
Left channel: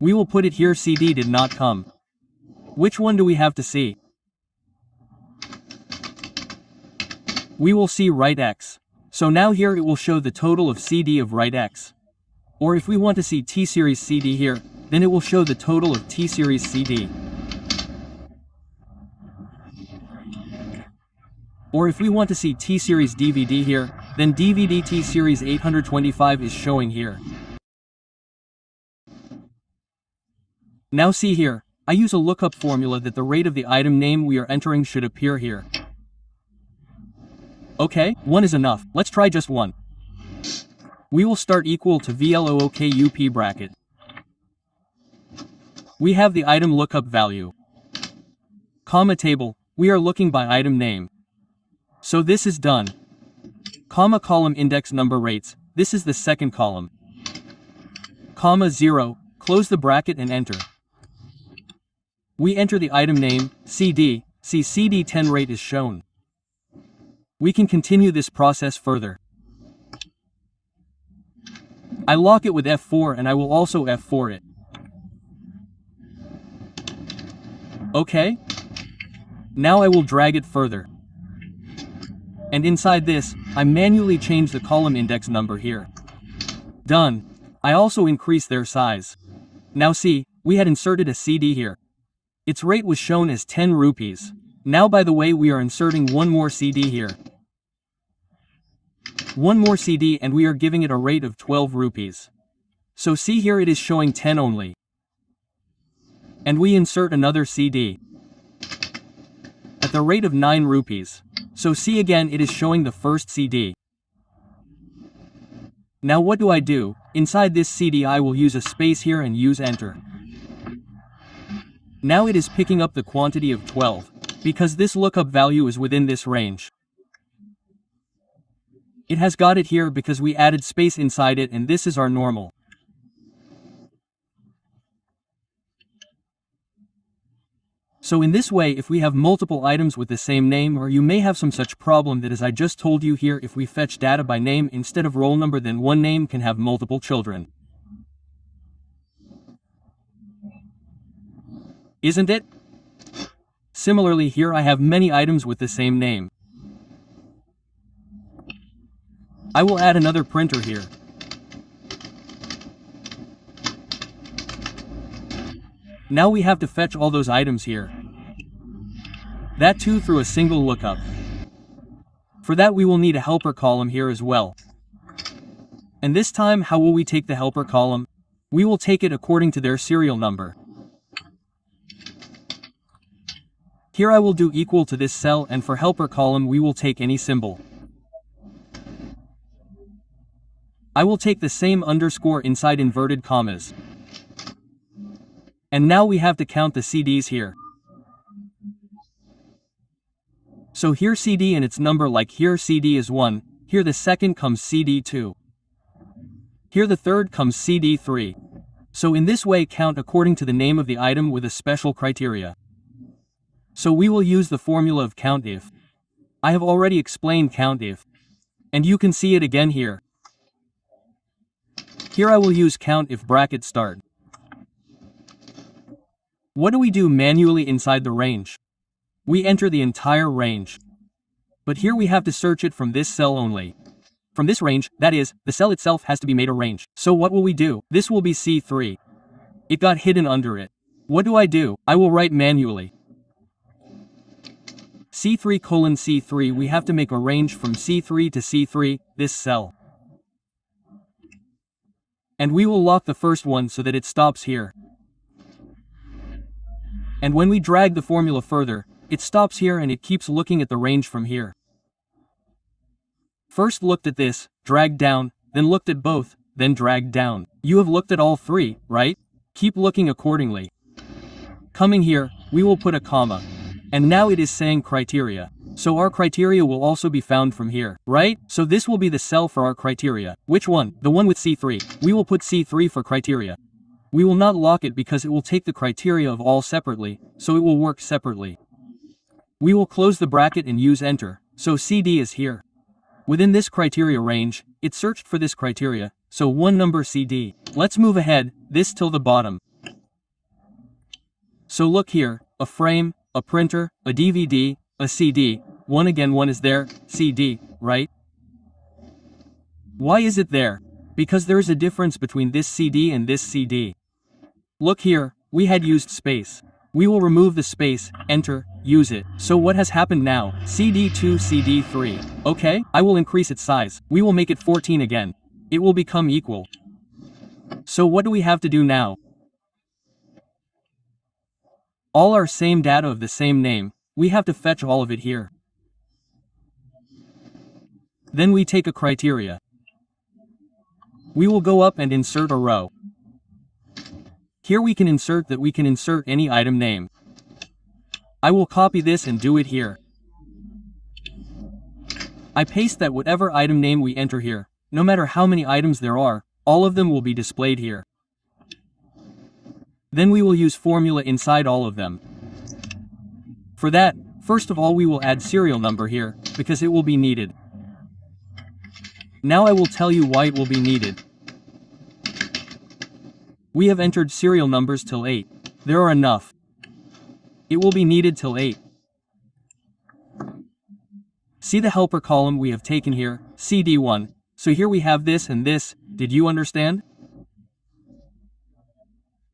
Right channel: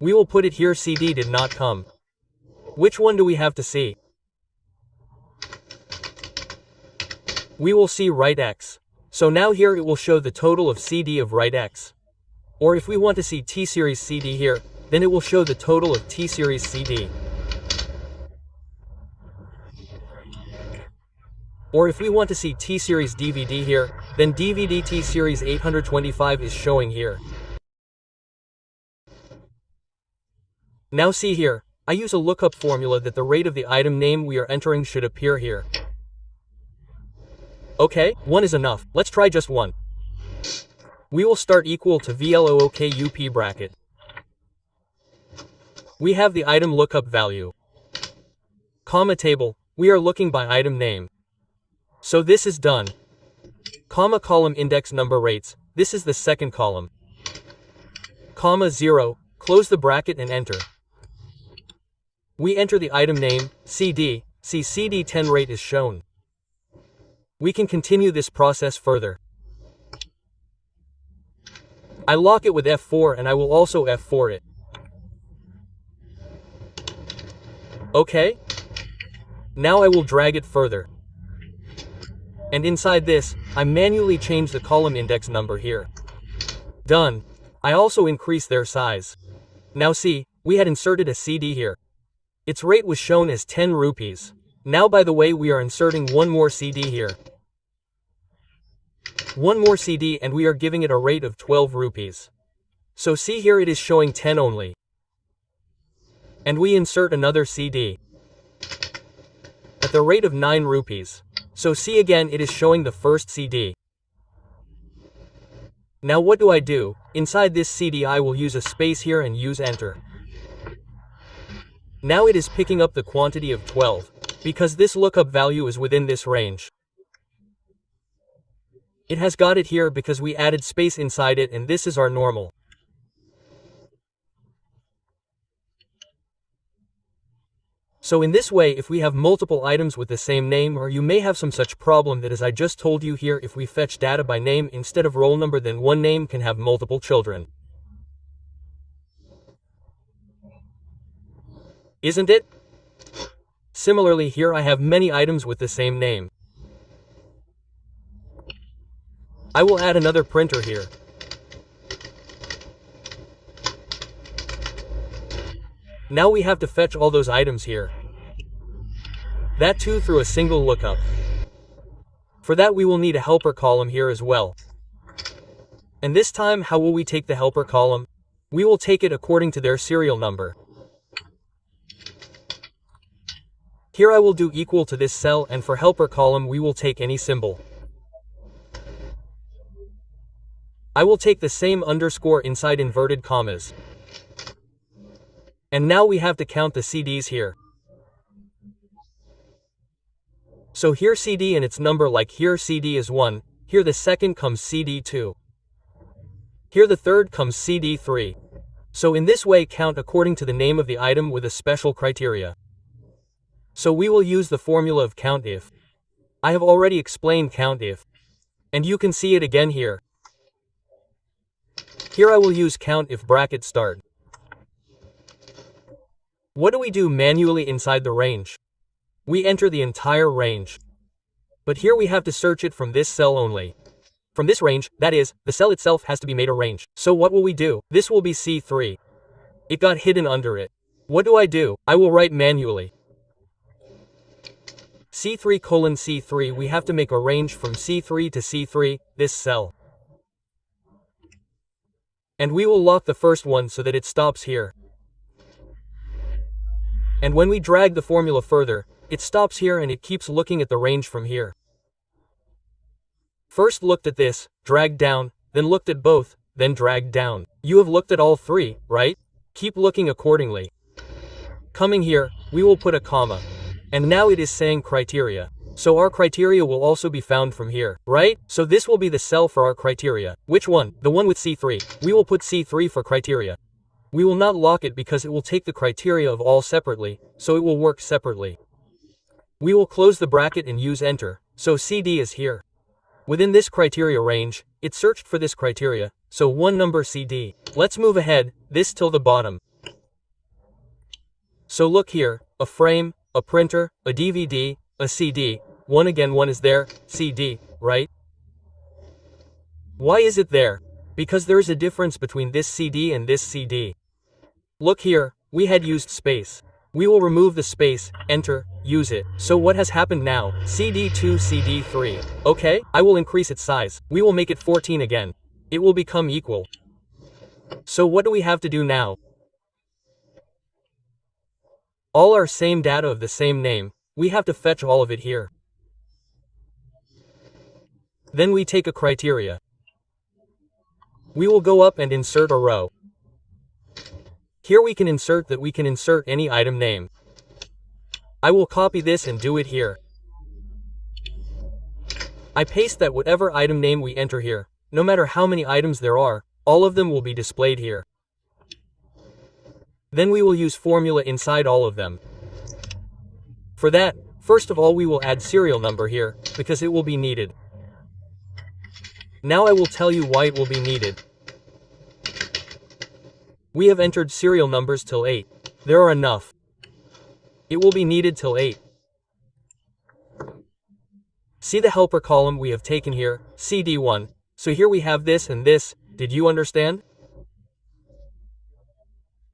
We will put it here CD did not come. Which one do we have to see? We will see write X. So now here it will show the total of CD of write X. Or if we want to see T series CD here, then it will show the total of T series CD. Or if we want to see T series DVD here, then DVD T series 825 is showing here. Now see here, I use a lookup formula that the rate of the item name we are entering should appear here. Okay, 1 is enough, let's try just 1. We will start equal to VLOOKUP bracket. We have the item lookup value. Comma table, we are looking by item name. So this is done. Comma column index number rates, this is the second column. Comma 0, close the bracket and enter. We enter the item name, CD, see CD10 rate is shown. We can continue this process further. I lock it with F4 and I will also F4 it. Okay? Now I will drag it further. And inside this, I manually change the column index number here. Done. I also increase their size. Now see, we had inserted a CD here. Its rate was shown as 10 rupees. Now by the way we are inserting one more CD here. One more CD and we are giving it a rate of 12 rupees. So see here it is showing 10 only. And we insert another CD. At the rate of 9 rupees. So see again it is showing the first CD. Now what do I do? Inside this CD I will use a space here and use enter. Now it is picking up the quantity of 12, because this lookup value is within this range. It has got it here because we added space inside it, and this is our normal. So in this way, if we have multiple items with the same name, or you may have some such problem that as I just told you here, if we fetch data by name instead of roll number, then one name can have multiple children. Isn't it? Similarly, here I have many items with the same name. I will add another printer here. Now we have to fetch all those items here. That too through a single lookup. For that we will need a helper column here as well. And this time, how will we take the helper column? We will take it according to their serial number. Here I will do equal to this cell, and for helper column we will take any symbol. I will take the same underscore inside inverted commas. And now we have to count the CDs here. So here CD and its number, like here CD is 1, here the second comes CD2. Here the third comes CD3. So in this way count according to the name of the item with a special criteria. So we will use the formula of COUNTIF. I have already explained COUNTIF. And you can see it again here. Here I will use COUNTIF bracket start. What do we do manually inside the range? We enter the entire range. But here we have to search it from this cell only. From this range, that is, the cell itself has to be made a range. So what will we do? This will be C3. It got hidden under it. What do? I will write manually. C3:C3, we have to make a range from C3 to C3, this cell. And we will lock the first one so that it stops here. And when we drag the formula further, it stops here and it keeps looking at the range from here. First looked at this, dragged down, then looked at both, then dragged down. You have looked at all three, right? Keep looking accordingly. Coming here, we will put a comma. And now it is saying criteria. So our criteria will also be found from here, right? So this will be the cell for our criteria. Which one? The one with C3. We will put C3 for criteria. We will not lock it because it will take the criteria of all separately, so it will work separately. We will close the bracket and use enter, so CD is here. Within this criteria range, it searched for this criteria, so one number CD. Let's move ahead, this till the bottom. So look here, a frame, a printer, a DVD, a CD, one is there, CD, right? Why is it there? Because there is a difference between this CD and this CD. Look here, we had used space. We will remove the space, enter, use it. So what has happened now? CD2, CD3. Okay, I will increase its size. We will make it 14 again. It will become equal. So what do we have to do now? All our same data of the same name, we have to fetch all of it here. Then we take a criteria. We will go up and insert a row. Here we can insert any item name. I will copy this and do it here. I paste that whatever item name we enter here, no matter how many items there are, all of them will be displayed here. Then we will use formula inside all of them. For that, first of all we will add serial number here, because it will be needed. Now I will tell you why it will be needed. We have entered serial numbers till 8. There are enough. It will be needed till 8. See the helper column we have taken here, CD1. So here we have this and this, did you understand?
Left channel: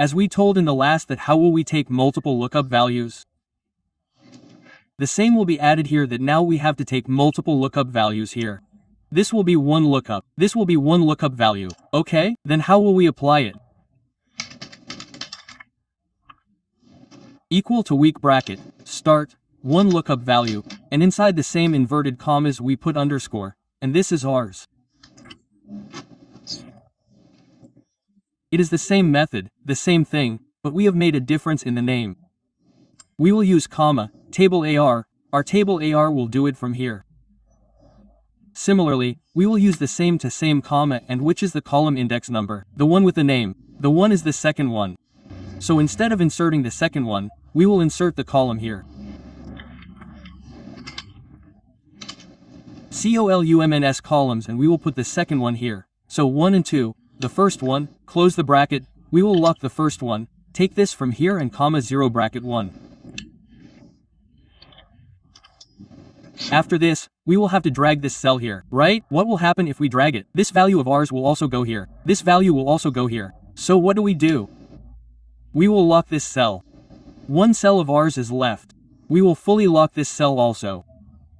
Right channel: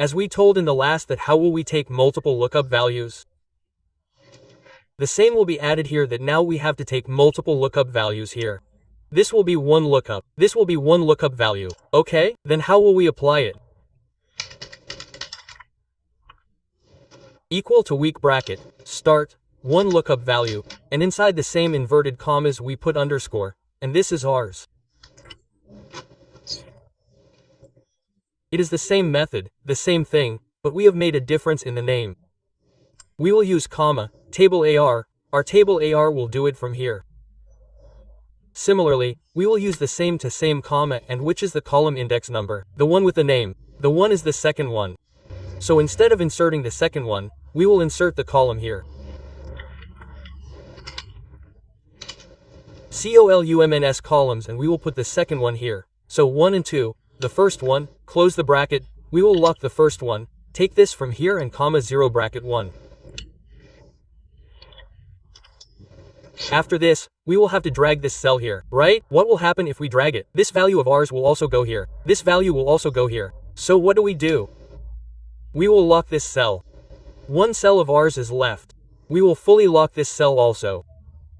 As we told in the last, that how will we take multiple lookup values? The same will be added here, that now we have to take multiple lookup values here. This will be one lookup, this will be one lookup value. Okay, then how will we apply it? Equal to weak bracket, start, one lookup value, and inside the same inverted commas we put underscore, and this is ours. It is the same method, the same thing, but we have made a difference in the name. We will use comma, table AR, our table AR will do it from here. Similarly, we will use the same to same comma, and which is the column index number? The one with the name. The one is the second one. So instead of inserting the second one, we will insert the column here. COLUMNS columns, and we will put the second one here. So 1 and 2, the first one, close the bracket, we will lock the first one, take this from here and comma 0 bracket 1. After this, we will have to drag this cell here, right? What will happen if we drag it? This value of ours will also go here. This value will also go here. So what do? We will lock this cell. One cell of ours is left. We will fully lock this cell also.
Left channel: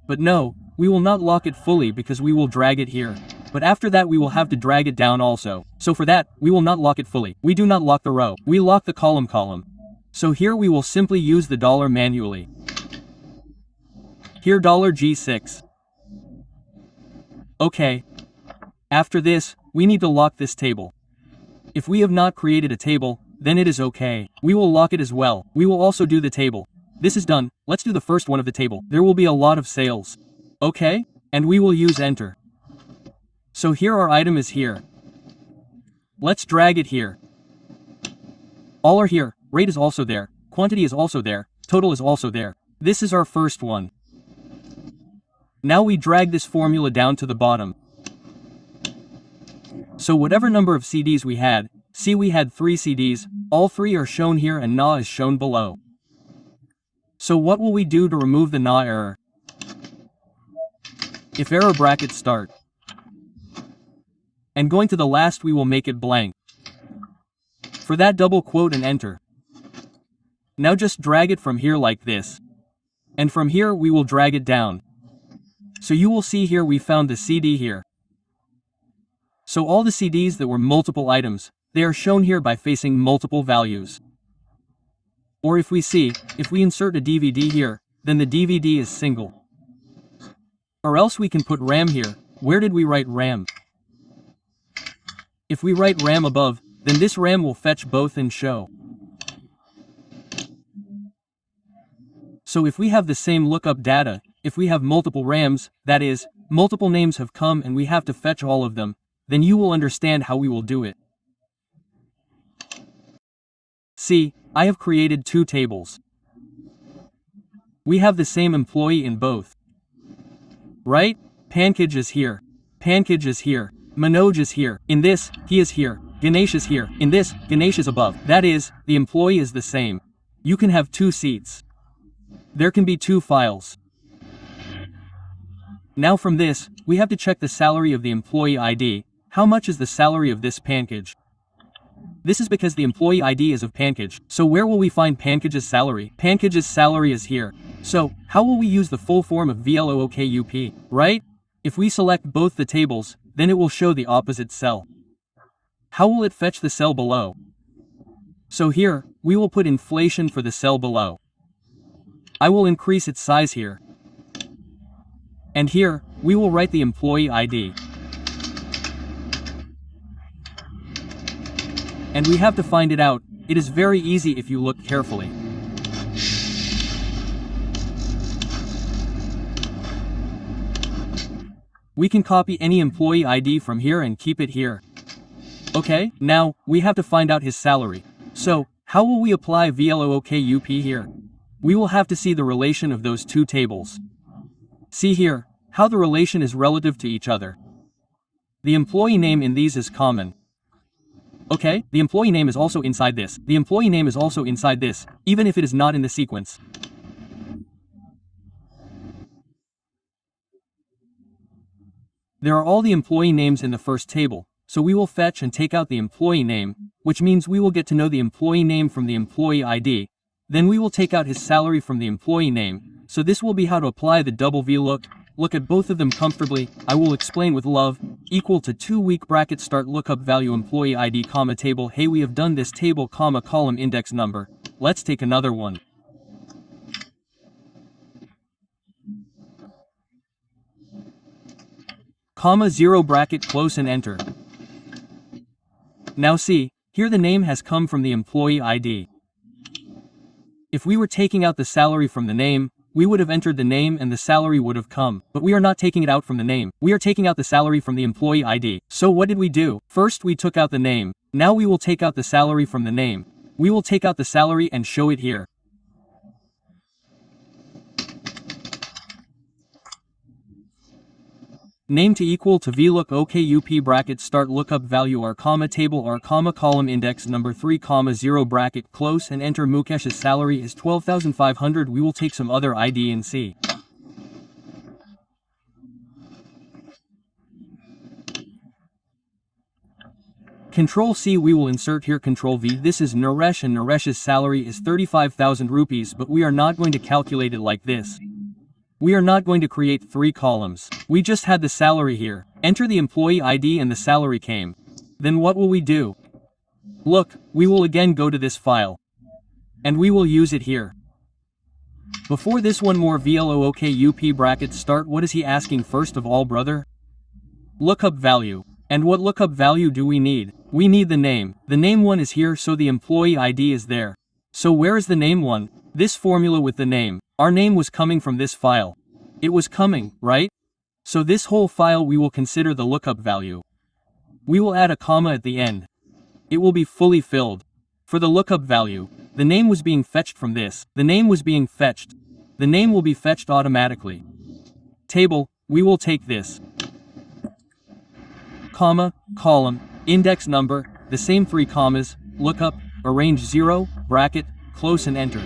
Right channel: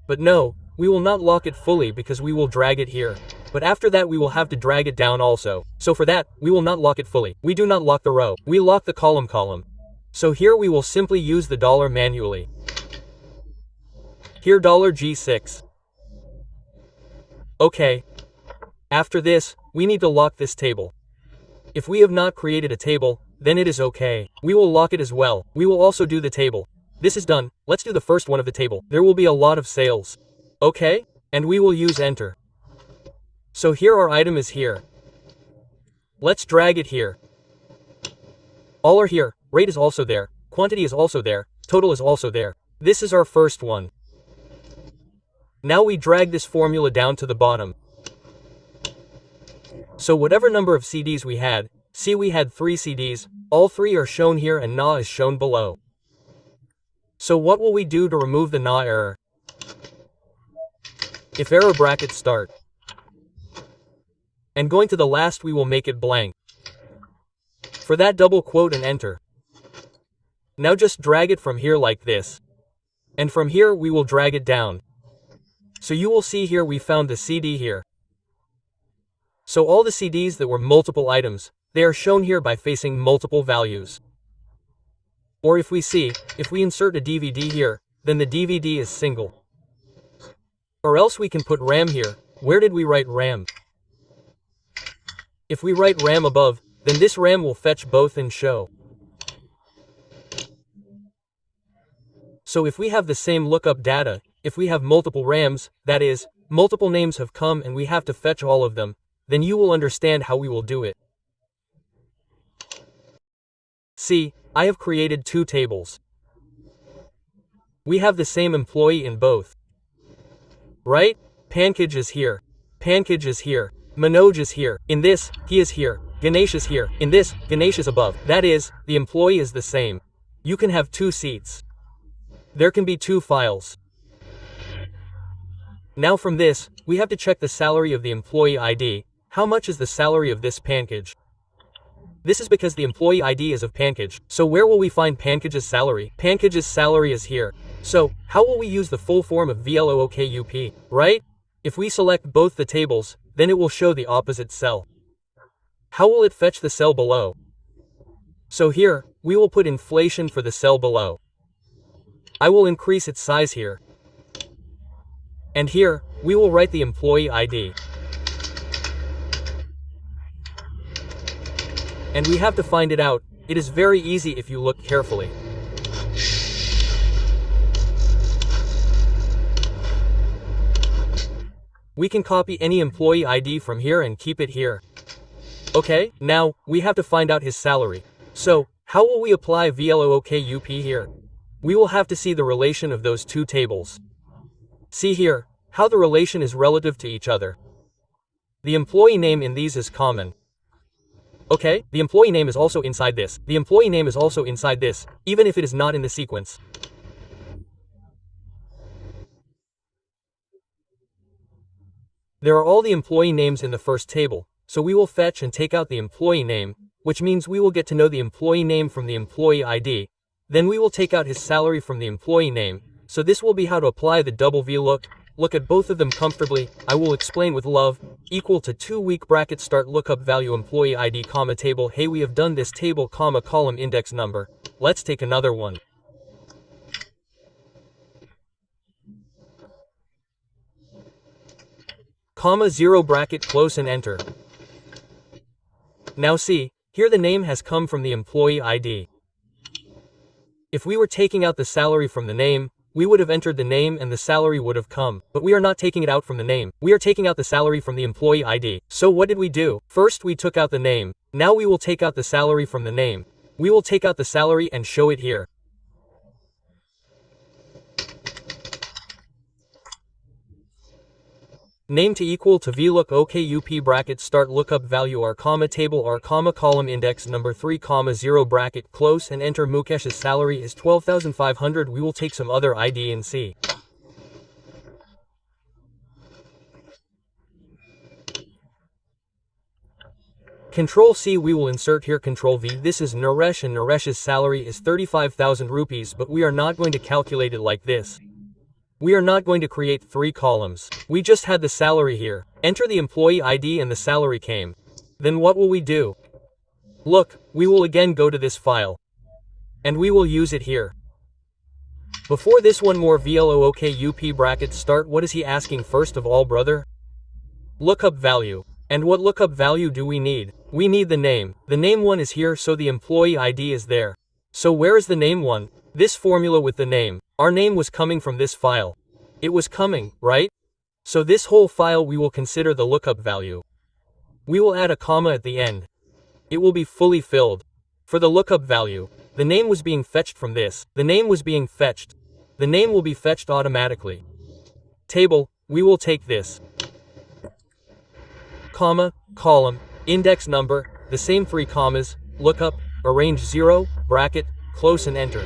But no, we will not lock it fully because we will drag it here. But after that we will have to drag it down also. So for that, we will not lock it fully. We do not lock the row. We lock the column. So here we will simply use the dollar manually. Here $G6. Okay. After this, we need to lock this table. If we have not created a table, then it is okay. We will lock it as well. We will also do the table. This is done. Let's do the first one of the table. There will be a lot of sales. Okay? And we will use enter. So here our item is here. Let's drag it here. All are here. Rate is also there. Quantity is also there. Total is also there. This is our first one. Now we drag this formula down to the bottom. So whatever number of CDs we had, see we had 3 CDs, all 3 are shown here and na is shown below. So what will we do to remove the na error? If error bracket start. And going to the last we will make it blank. For that double quote and enter. Now just drag it from here like this. And from here we will drag it down. So you will see here we found the CD here. So all the CDs that were multiple items, they are shown here by facing multiple values. Or if we insert a DVD here, then the DVD is single. Or else we can put RAM here. Where did we write RAM? If we write RAM above, then this RAM will fetch both and show. So if we have the same lookup data, if we have multiple RAMs, that is, multiple names have come and we have to fetch all of them, then you will understand how we will do it. See, I have created 2 tables. We have the same employee in both. Right? Pankaj is here. Pankaj is here. Manoj is here. In this, he is here. Ganesh is here. In this, Ganesh is above. That is, the employee is the same. You can have 2 seats. There can be 2 files. Now from this, we have to check the salary of the employee ID. How much is the salary of this Pankaj? This is because the employee ID is of Pankaj. So where will we find Pankaj's salary? Pankaj's salary is here. So, how will we use the full form of VLOOKUP, right? If we select both the tables, then it will show the opposite cell. How will it fetch the cell below? So here, we will put inflation for the cell below. I will increase its size here. And here, we will write the employee ID. And we have to find it out. It is very easy if you look carefully. We can copy any employee ID from here and keep it here. Okay, now, we have to find out his salary. So, how will we apply VLOOKUP here? We will have to see the relation of those 2 tables. See here, how the relation is relative to each other. The employee name in these is common. Okay, the employee name is also inside this. The employee name is also inside this, even if it is not in the sequence. There are all the employee names in the first table, so we will fetch and take out the employee name, which means we will get to know the employee name from the employee ID. Then we will take out his salary from the employee name, so this will be how to apply the double VLOOK. Look at both of them comfortably. I will explain with love. Equal to 2 week bracket start lookup value employee ID comma table. Hey, we have done this table comma column index number. Let's take another one. Comma 0 bracket close and enter. Now see, here the name has come from the employee ID. If we were taking out the salary from the name, we would have entered the name and the salary would have come, but we are not taking it out from the name. We are taking out the salary from the employee ID. So what did we do? First we took out the name. Now we will take out the salary from the name. We will take out the salary and show it here. Name to equal to VLOOKUP bracket start lookup value r comma table r comma column index number 3 comma 0 bracket close and enter Mukesh's salary is 12,500. We will take some other ID and see. Control C, we will insert here Control V. This is Naresh and Naresh's salary is 35,000 rupees, but we are not going to calculate it like this. We are not going to create 3 columns. We just had the salary here. Enter the employee ID and the salary came. Then what will we do? Look, we will again go to this file. And we will use it here. Before this, one more VLOOKUP bracket start. What is he asking first of all, brother? Lookup value. And what lookup value do we need? We need the name. The name one is here, so the employee ID is there. So where is the name one? This formula with the name. Our name was coming from this file. It was coming, right? So this whole file we will consider the lookup value. We will add a comma at the end. It will be fully filled. For the lookup value, the name was being fetched from this. The name was being fetched. The name will be fetched automatically. Table, we will take this. Comma, column, index number, the same 3 commas, lookup, arrange 0, bracket, close and enter.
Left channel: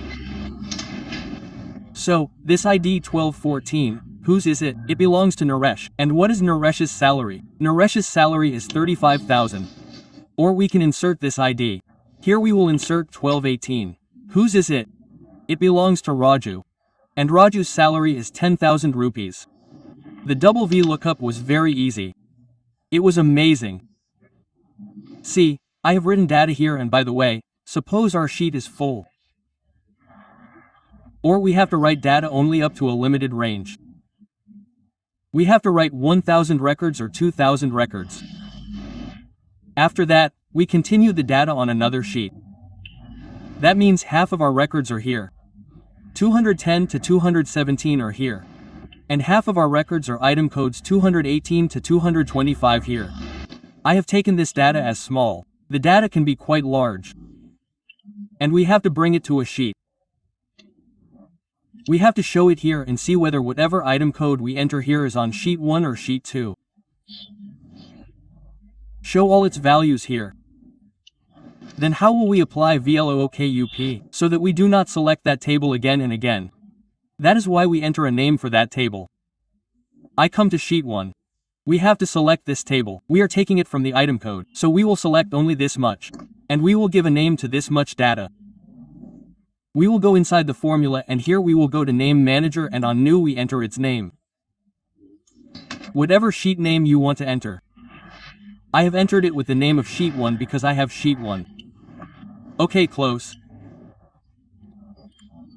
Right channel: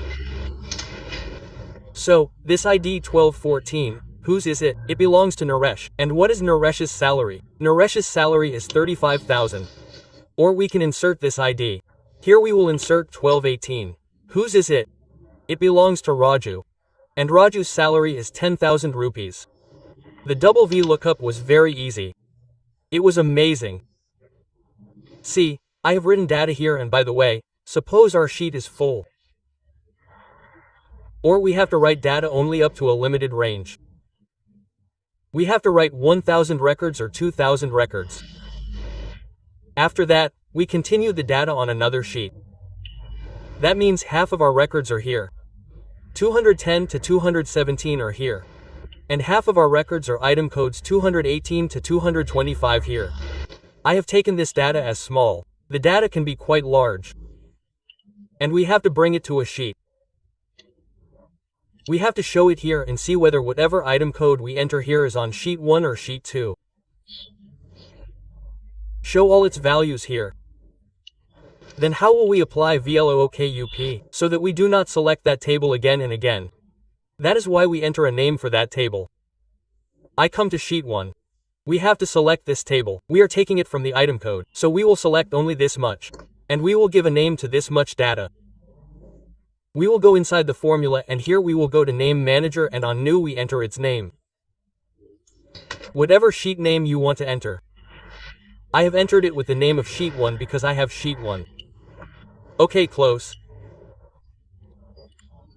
So, this ID 1214, whose is it? It belongs to Naresh. And what is Naresh's salary? Naresh's salary is 35,000. Or we can insert this ID. Here we will insert 1218. Whose is it? It belongs to Raju. And Raju's salary is 10,000 rupees. The double V lookup was very easy. It was amazing. See, I have written data here, and by the way, suppose our sheet is full. Or we have to write data only up to a limited range. We have to write 1,000 records or 2,000 records. After that, we continue the data on another sheet. That means half of our records are here. 210 to 217 are here. And half of our records are item codes 218 to 225 here. I have taken this data as small. The data can be quite large. And we have to bring it to a sheet. We have to show it here and see whether whatever item code we enter here is on sheet 1 or sheet 2. Show all its values here. Then how will we apply VLOOKUP so that we do not select that table again and again? That is why we enter a name for that table. I come to sheet 1. We have to select this table. We are taking it from the item code, so we will select only this much. And we will give a name to this much data. We will go inside the formula, and here we will go to name manager, and on new we enter its name. Whatever sheet name you want to enter. I have entered it with the name of sheet 1 because I have sheet 1. Okay, close.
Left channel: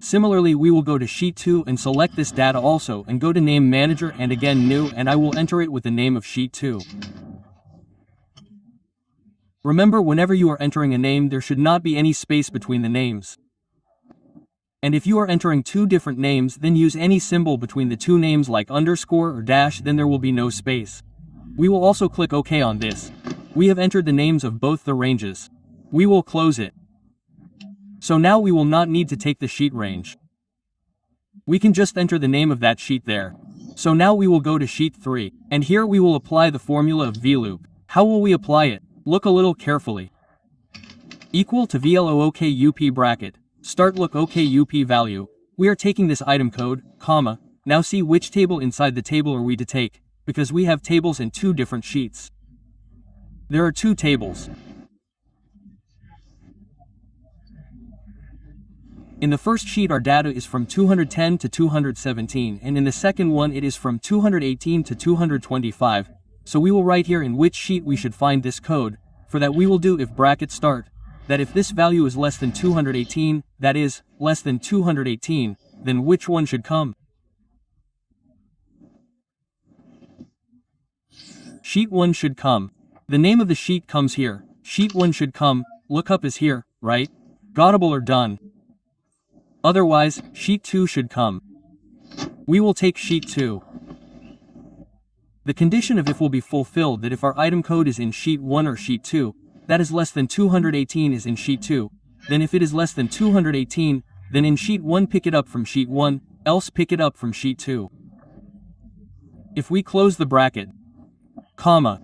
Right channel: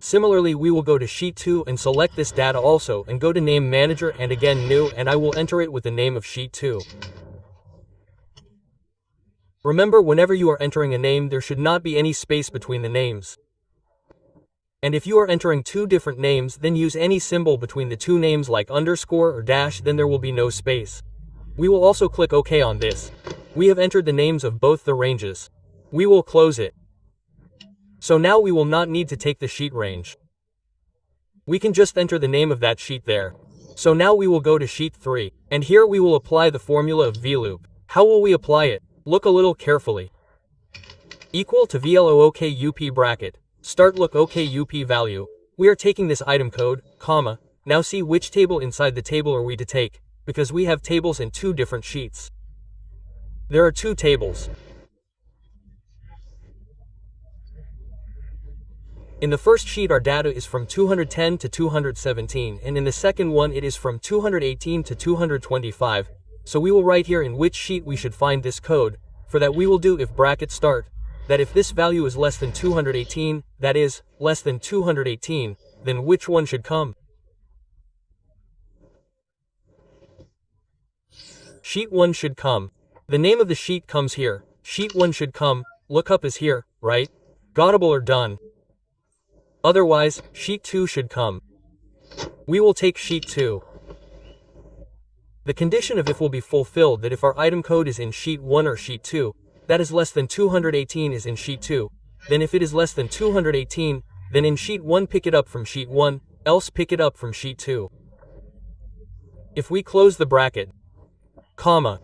Similarly, we will go to sheet 2 and select this data also and go to name manager and again new, and I will enter it with the name of sheet 2. Remember, whenever you are entering a name, there should not be any space between the names. And if you are entering 2 different names, then use any symbol between the 2 names like underscore or dash, then there will be no space. We will also click OK on this. We have entered the names of both the ranges. We will close it. So now we will not need to take the sheet range. We can just enter the name of that sheet there. So now we will go to sheet 3, and here we will apply the formula of VLOOP. How will we apply it? Look a little carefully. Equal to VLOOKUP bracket. Start lookup value. We are taking this item code, comma. Now see which table inside the table are we to take, because we have tables in 2 different sheets. There are 2 tables. In the first sheet our data is from 210 to 217, and in the second one it is from 218 to 225, so we will write here in which sheet we should find this code. For that we will do if bracket start, that if this value is less than 218, that is, less than 218, then which one should come? Sheet 1 should come. The name of the sheet comes here. Sheet 1 should come. Lookup is here, right? Gottable or done. Otherwise, sheet 2 should come. We will take sheet 2. The condition of if will be fulfilled that if our item code is in sheet 1 or sheet 2, that is less than 218 is in sheet 2, then if it is less than 218, then in sheet 1 pick it up from sheet 1, else pick it up from sheet 2. If we close the bracket, comma,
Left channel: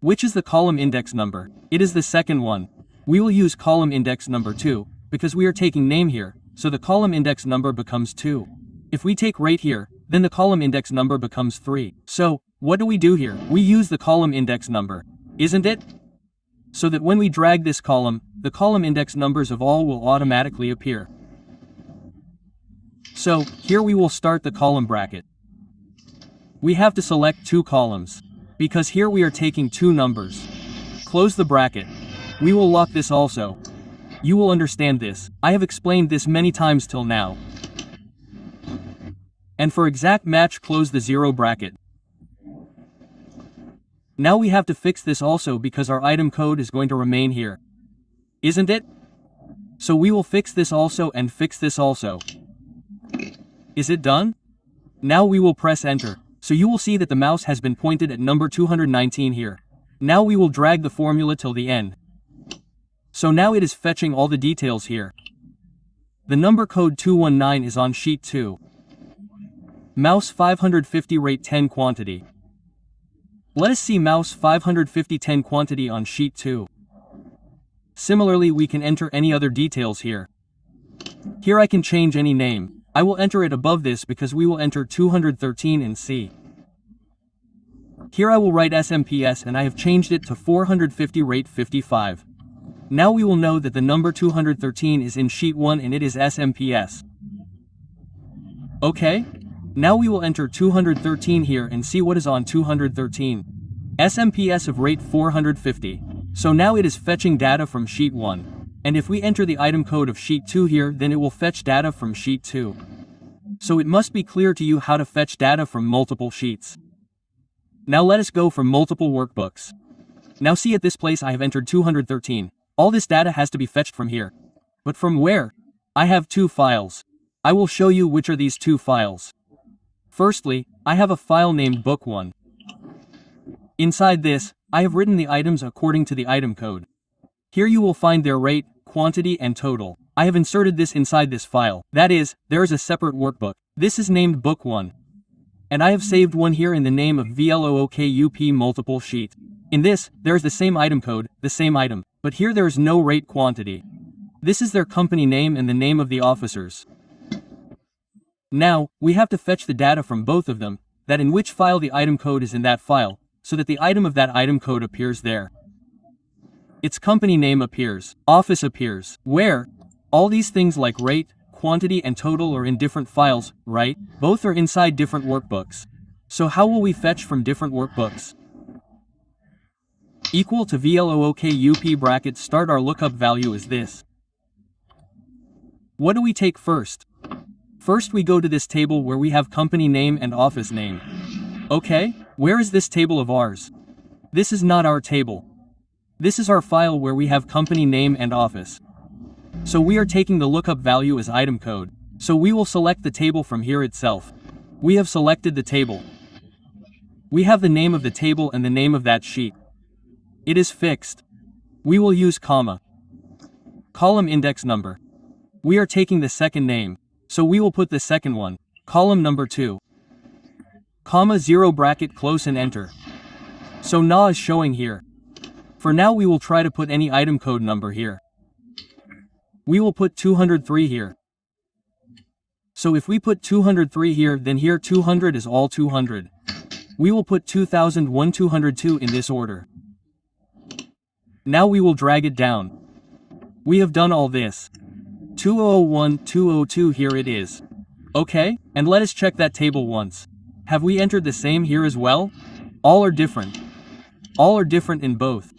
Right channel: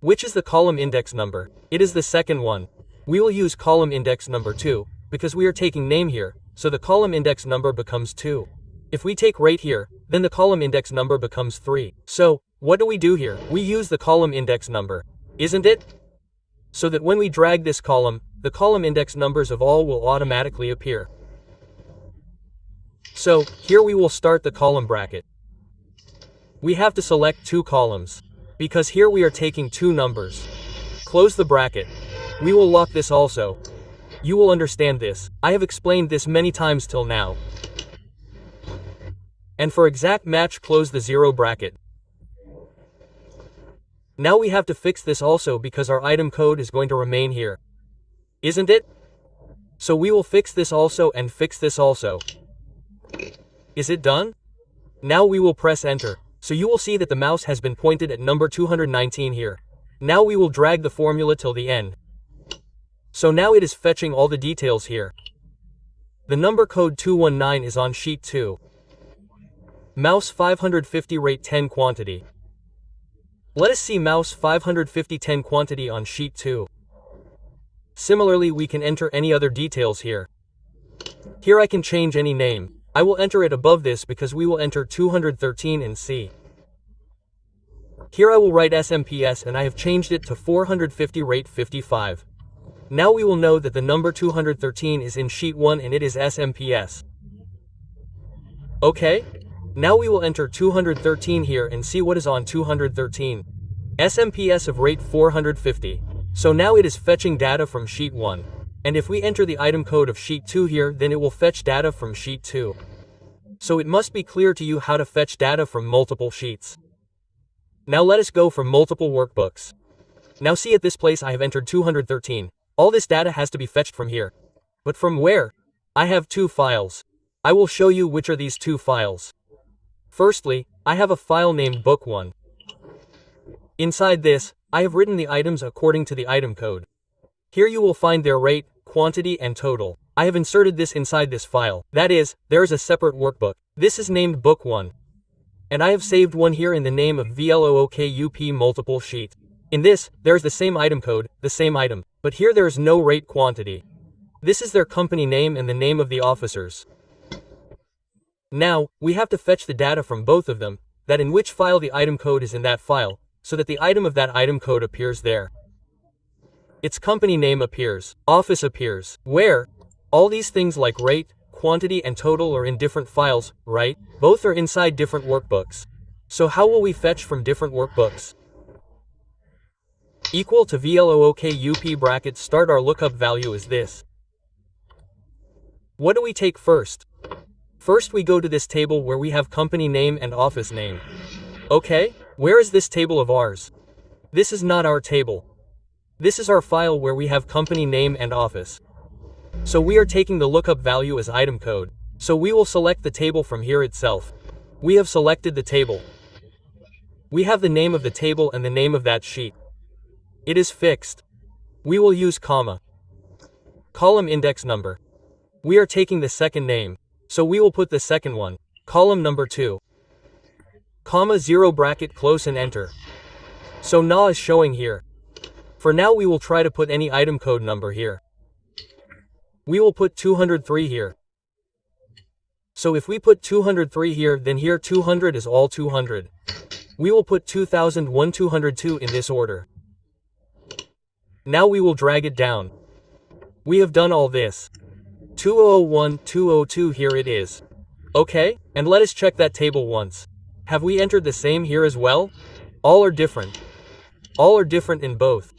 which is the column index number? It is the second one. We will use column index number 2, because we are taking name here, so the column index number becomes 2. If we take rate here, then the column index number becomes 3. So, what do we do here? We use the column index number, isn't it? So that when we drag this column, the column index numbers of all will automatically appear. So, here we will start the column bracket. We have to select 2 columns, because here we are taking 2 numbers. Close the bracket. We will lock this also. You will understand this. I have explained this many times till now. And for exact match, close the 0 bracket. Now we have to fix this also because our item code is going to remain here. Isn't it? So we will fix this also and fix this also. Is it done? Now we will press enter. So you will see that the mouse has been pointed at number 219 here. Now we will drag the formula till the end. So now it is fetching all the details here. The number code 219 is on sheet 2. Mouse 550 rate 10 quantity. Let us see mouse 550 10 quantity on sheet 2. Similarly, we can enter any other details here. Here I can change any name. I will enter it above this because we will enter 213 in C. Here I will write SMPS and I have changed it to 450 rate 55. Now we will know that the number 213 is in sheet 1 and it is SMPS. Okay? Now we will enter 213 here and see what is on 213. SMPS of rate 450. So now it is fetching data from sheet 1. And if we enter the item code of sheet 2 here, then it will fetch data from sheet 2. So it must be clear to you how to fetch data from multiple sheets. Now let us go for multiple workbooks. Now see, at this place I have entered 213. All this data has to be fetched from here. But from where? I have 2 files. I will show you which are these 2 files. Firstly, I have a file named book1. Inside this, I have written the items according to the item code. Here you will find their rate, quantity and total. I have inserted this inside this file. That is, there is a separate workbook. This is named book1. And I have saved one here in the name of VLOOKUP multiple sheet. In this, there is the same item code, the same item, but here there is no rate quantity. This is their company name and the name of the officers. Now, we have to fetch the data from both of them, that in which file the item code is in that file, so that the item of that item code appears there. Its company name appears, office appears, where? All these things like rate, quantity and total are in different files, right? Both are inside different workbooks. So how will we fetch from different workbooks? Equal to VLOOKUP bracket start our lookup value is this. What do we take first? First we go to this table where we have company name and office name. Okay, where is this table of ours? This is not our table. This is our file where we have company name and office. So we are taking the lookup value as item code. So we will select the table from here itself. We have selected the table. We have the name of the table and the name of that sheet. It is fixed. We will use comma. Column index number. We are taking the second name, so we will put the second one. Column number 2. Comma 0 bracket close and enter. So na is showing here. For now we will try to put any item code number here. We will put 203 here. So if we put 203 here, then here 200 is all 200. We will put 2001 202 in this order. Now we will drag it down. We have done all this. 2001 202 here it is. Okay, and let us check that table once. Have we entered the same here as well? All are different. All are different in both.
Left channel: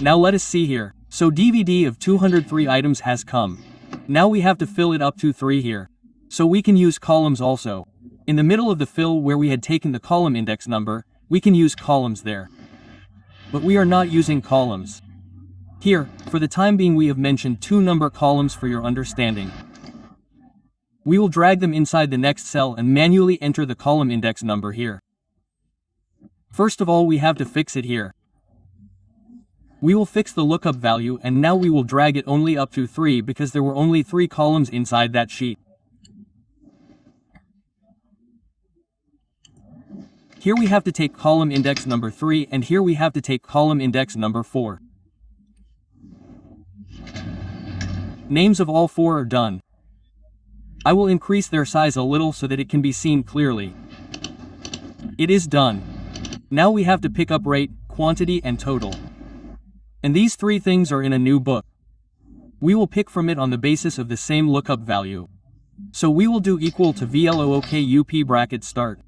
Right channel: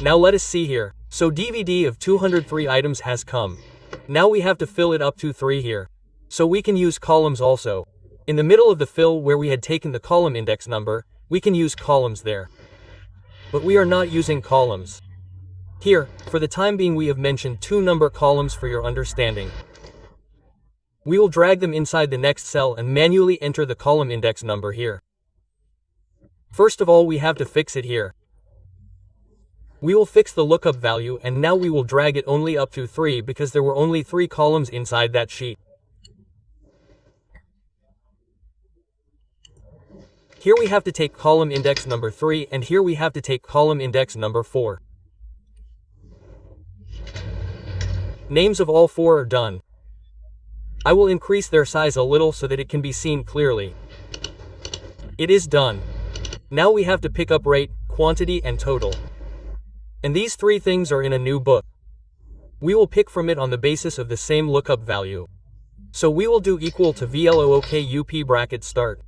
Now let us see here. So DVD of 203 items has come. Now we have to fill it up to 3 here. So we can use columns also. In the middle of the fill where we had taken the column index number, we can use columns there. But we are not using columns. Here, for the time being we have mentioned 2 number columns for your understanding. We will drag them inside the next cell and manually enter the column index number here. First of all, we have to fix it here. We will fix the lookup value, and now we will drag it only up to 3 because there were only 3 columns inside that sheet. Here we have to take column index number 3, and here we have to take column index number 4. Names of all 4 are done. I will increase their size a little so that it can be seen clearly. It is done. Now we have to pick up rate, quantity, and total. And these 3 things are in a new book. We will pick from it on the basis of the same lookup value. So we will do equal to VLOOKUP bracket start.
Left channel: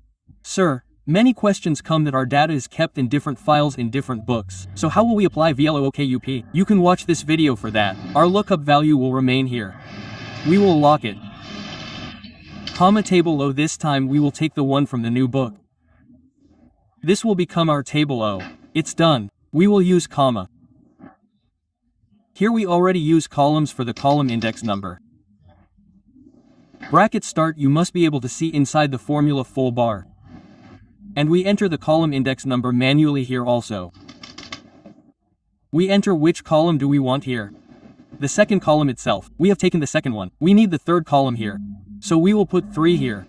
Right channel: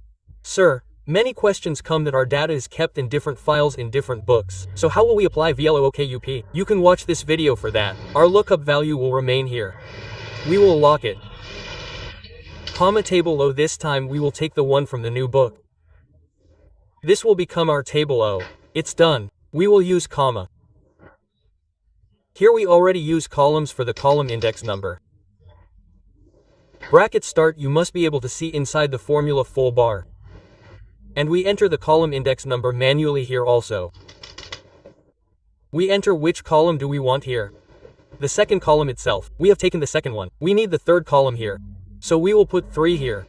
Sir, many questions come that our data is kept in different files in different books. So how will we apply VLOOKUP? You can watch this video for that. Our lookup value will remain here. We will lock it. Comma table O. This time we will take the one from the new book. This will become our table O. It's done. We will use comma. Here we already use columns for the column index number. Bracket start. You must be able to see inside the formula full bar. And we enter the column index number manually here also. We enter which column do we want here. The second column itself. We have taken the second one. We need the third column here. So we will put 3 here.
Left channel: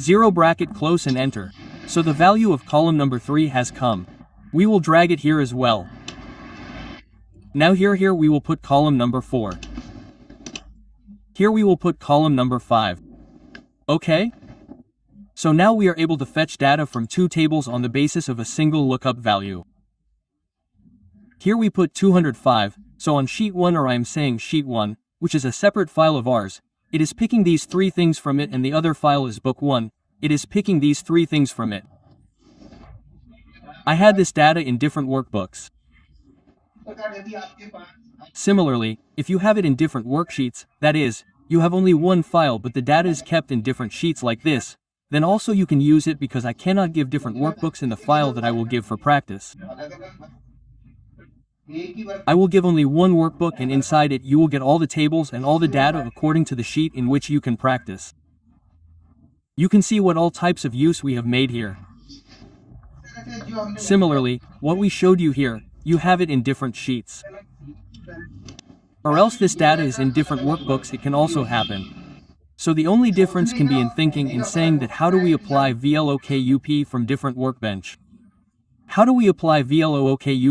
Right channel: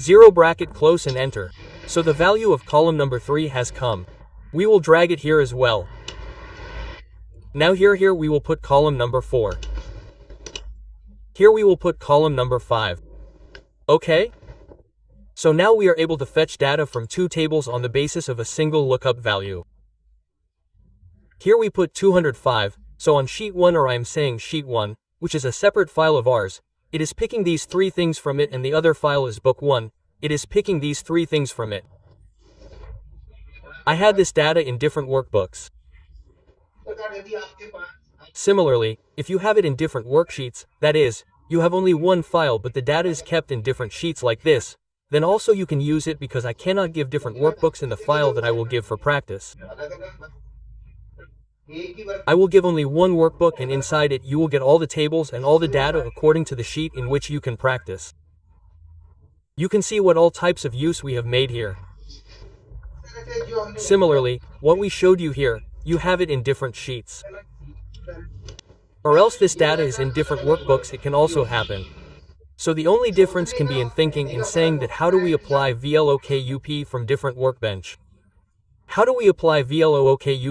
0 bracket close and enter. So the value of column number 3 has come. We will drag it here as well. Now here we will put column number 4. Here we will put column number 5. Okay? So now we are able to fetch data from 2 tables on the basis of a single lookup value. Here we put 205, so on sheet 1, or I am saying sheet 1, which is a separate file of ours, it is picking these 3 things from it, and the other file is book 1, it is picking these 3 things from it. I had this data in different workbooks. Similarly, if you have it in different worksheets, that is, you have only one file but the data is kept in different sheets like this, then also you can use it because I cannot give different workbooks in the file that I will give for practice. I will give only one workbook, and inside it you will get all the tables and all the data according to the sheet in which you can practice. You can see what all types of use we have made here. Similarly, what we showed you here, you have it in different sheets. Or else this data is in different workbooks, it can also happen. So the only difference can be in thinking in saying that how do we apply VLOOKUP from different workbench? How do we apply VLOOKUP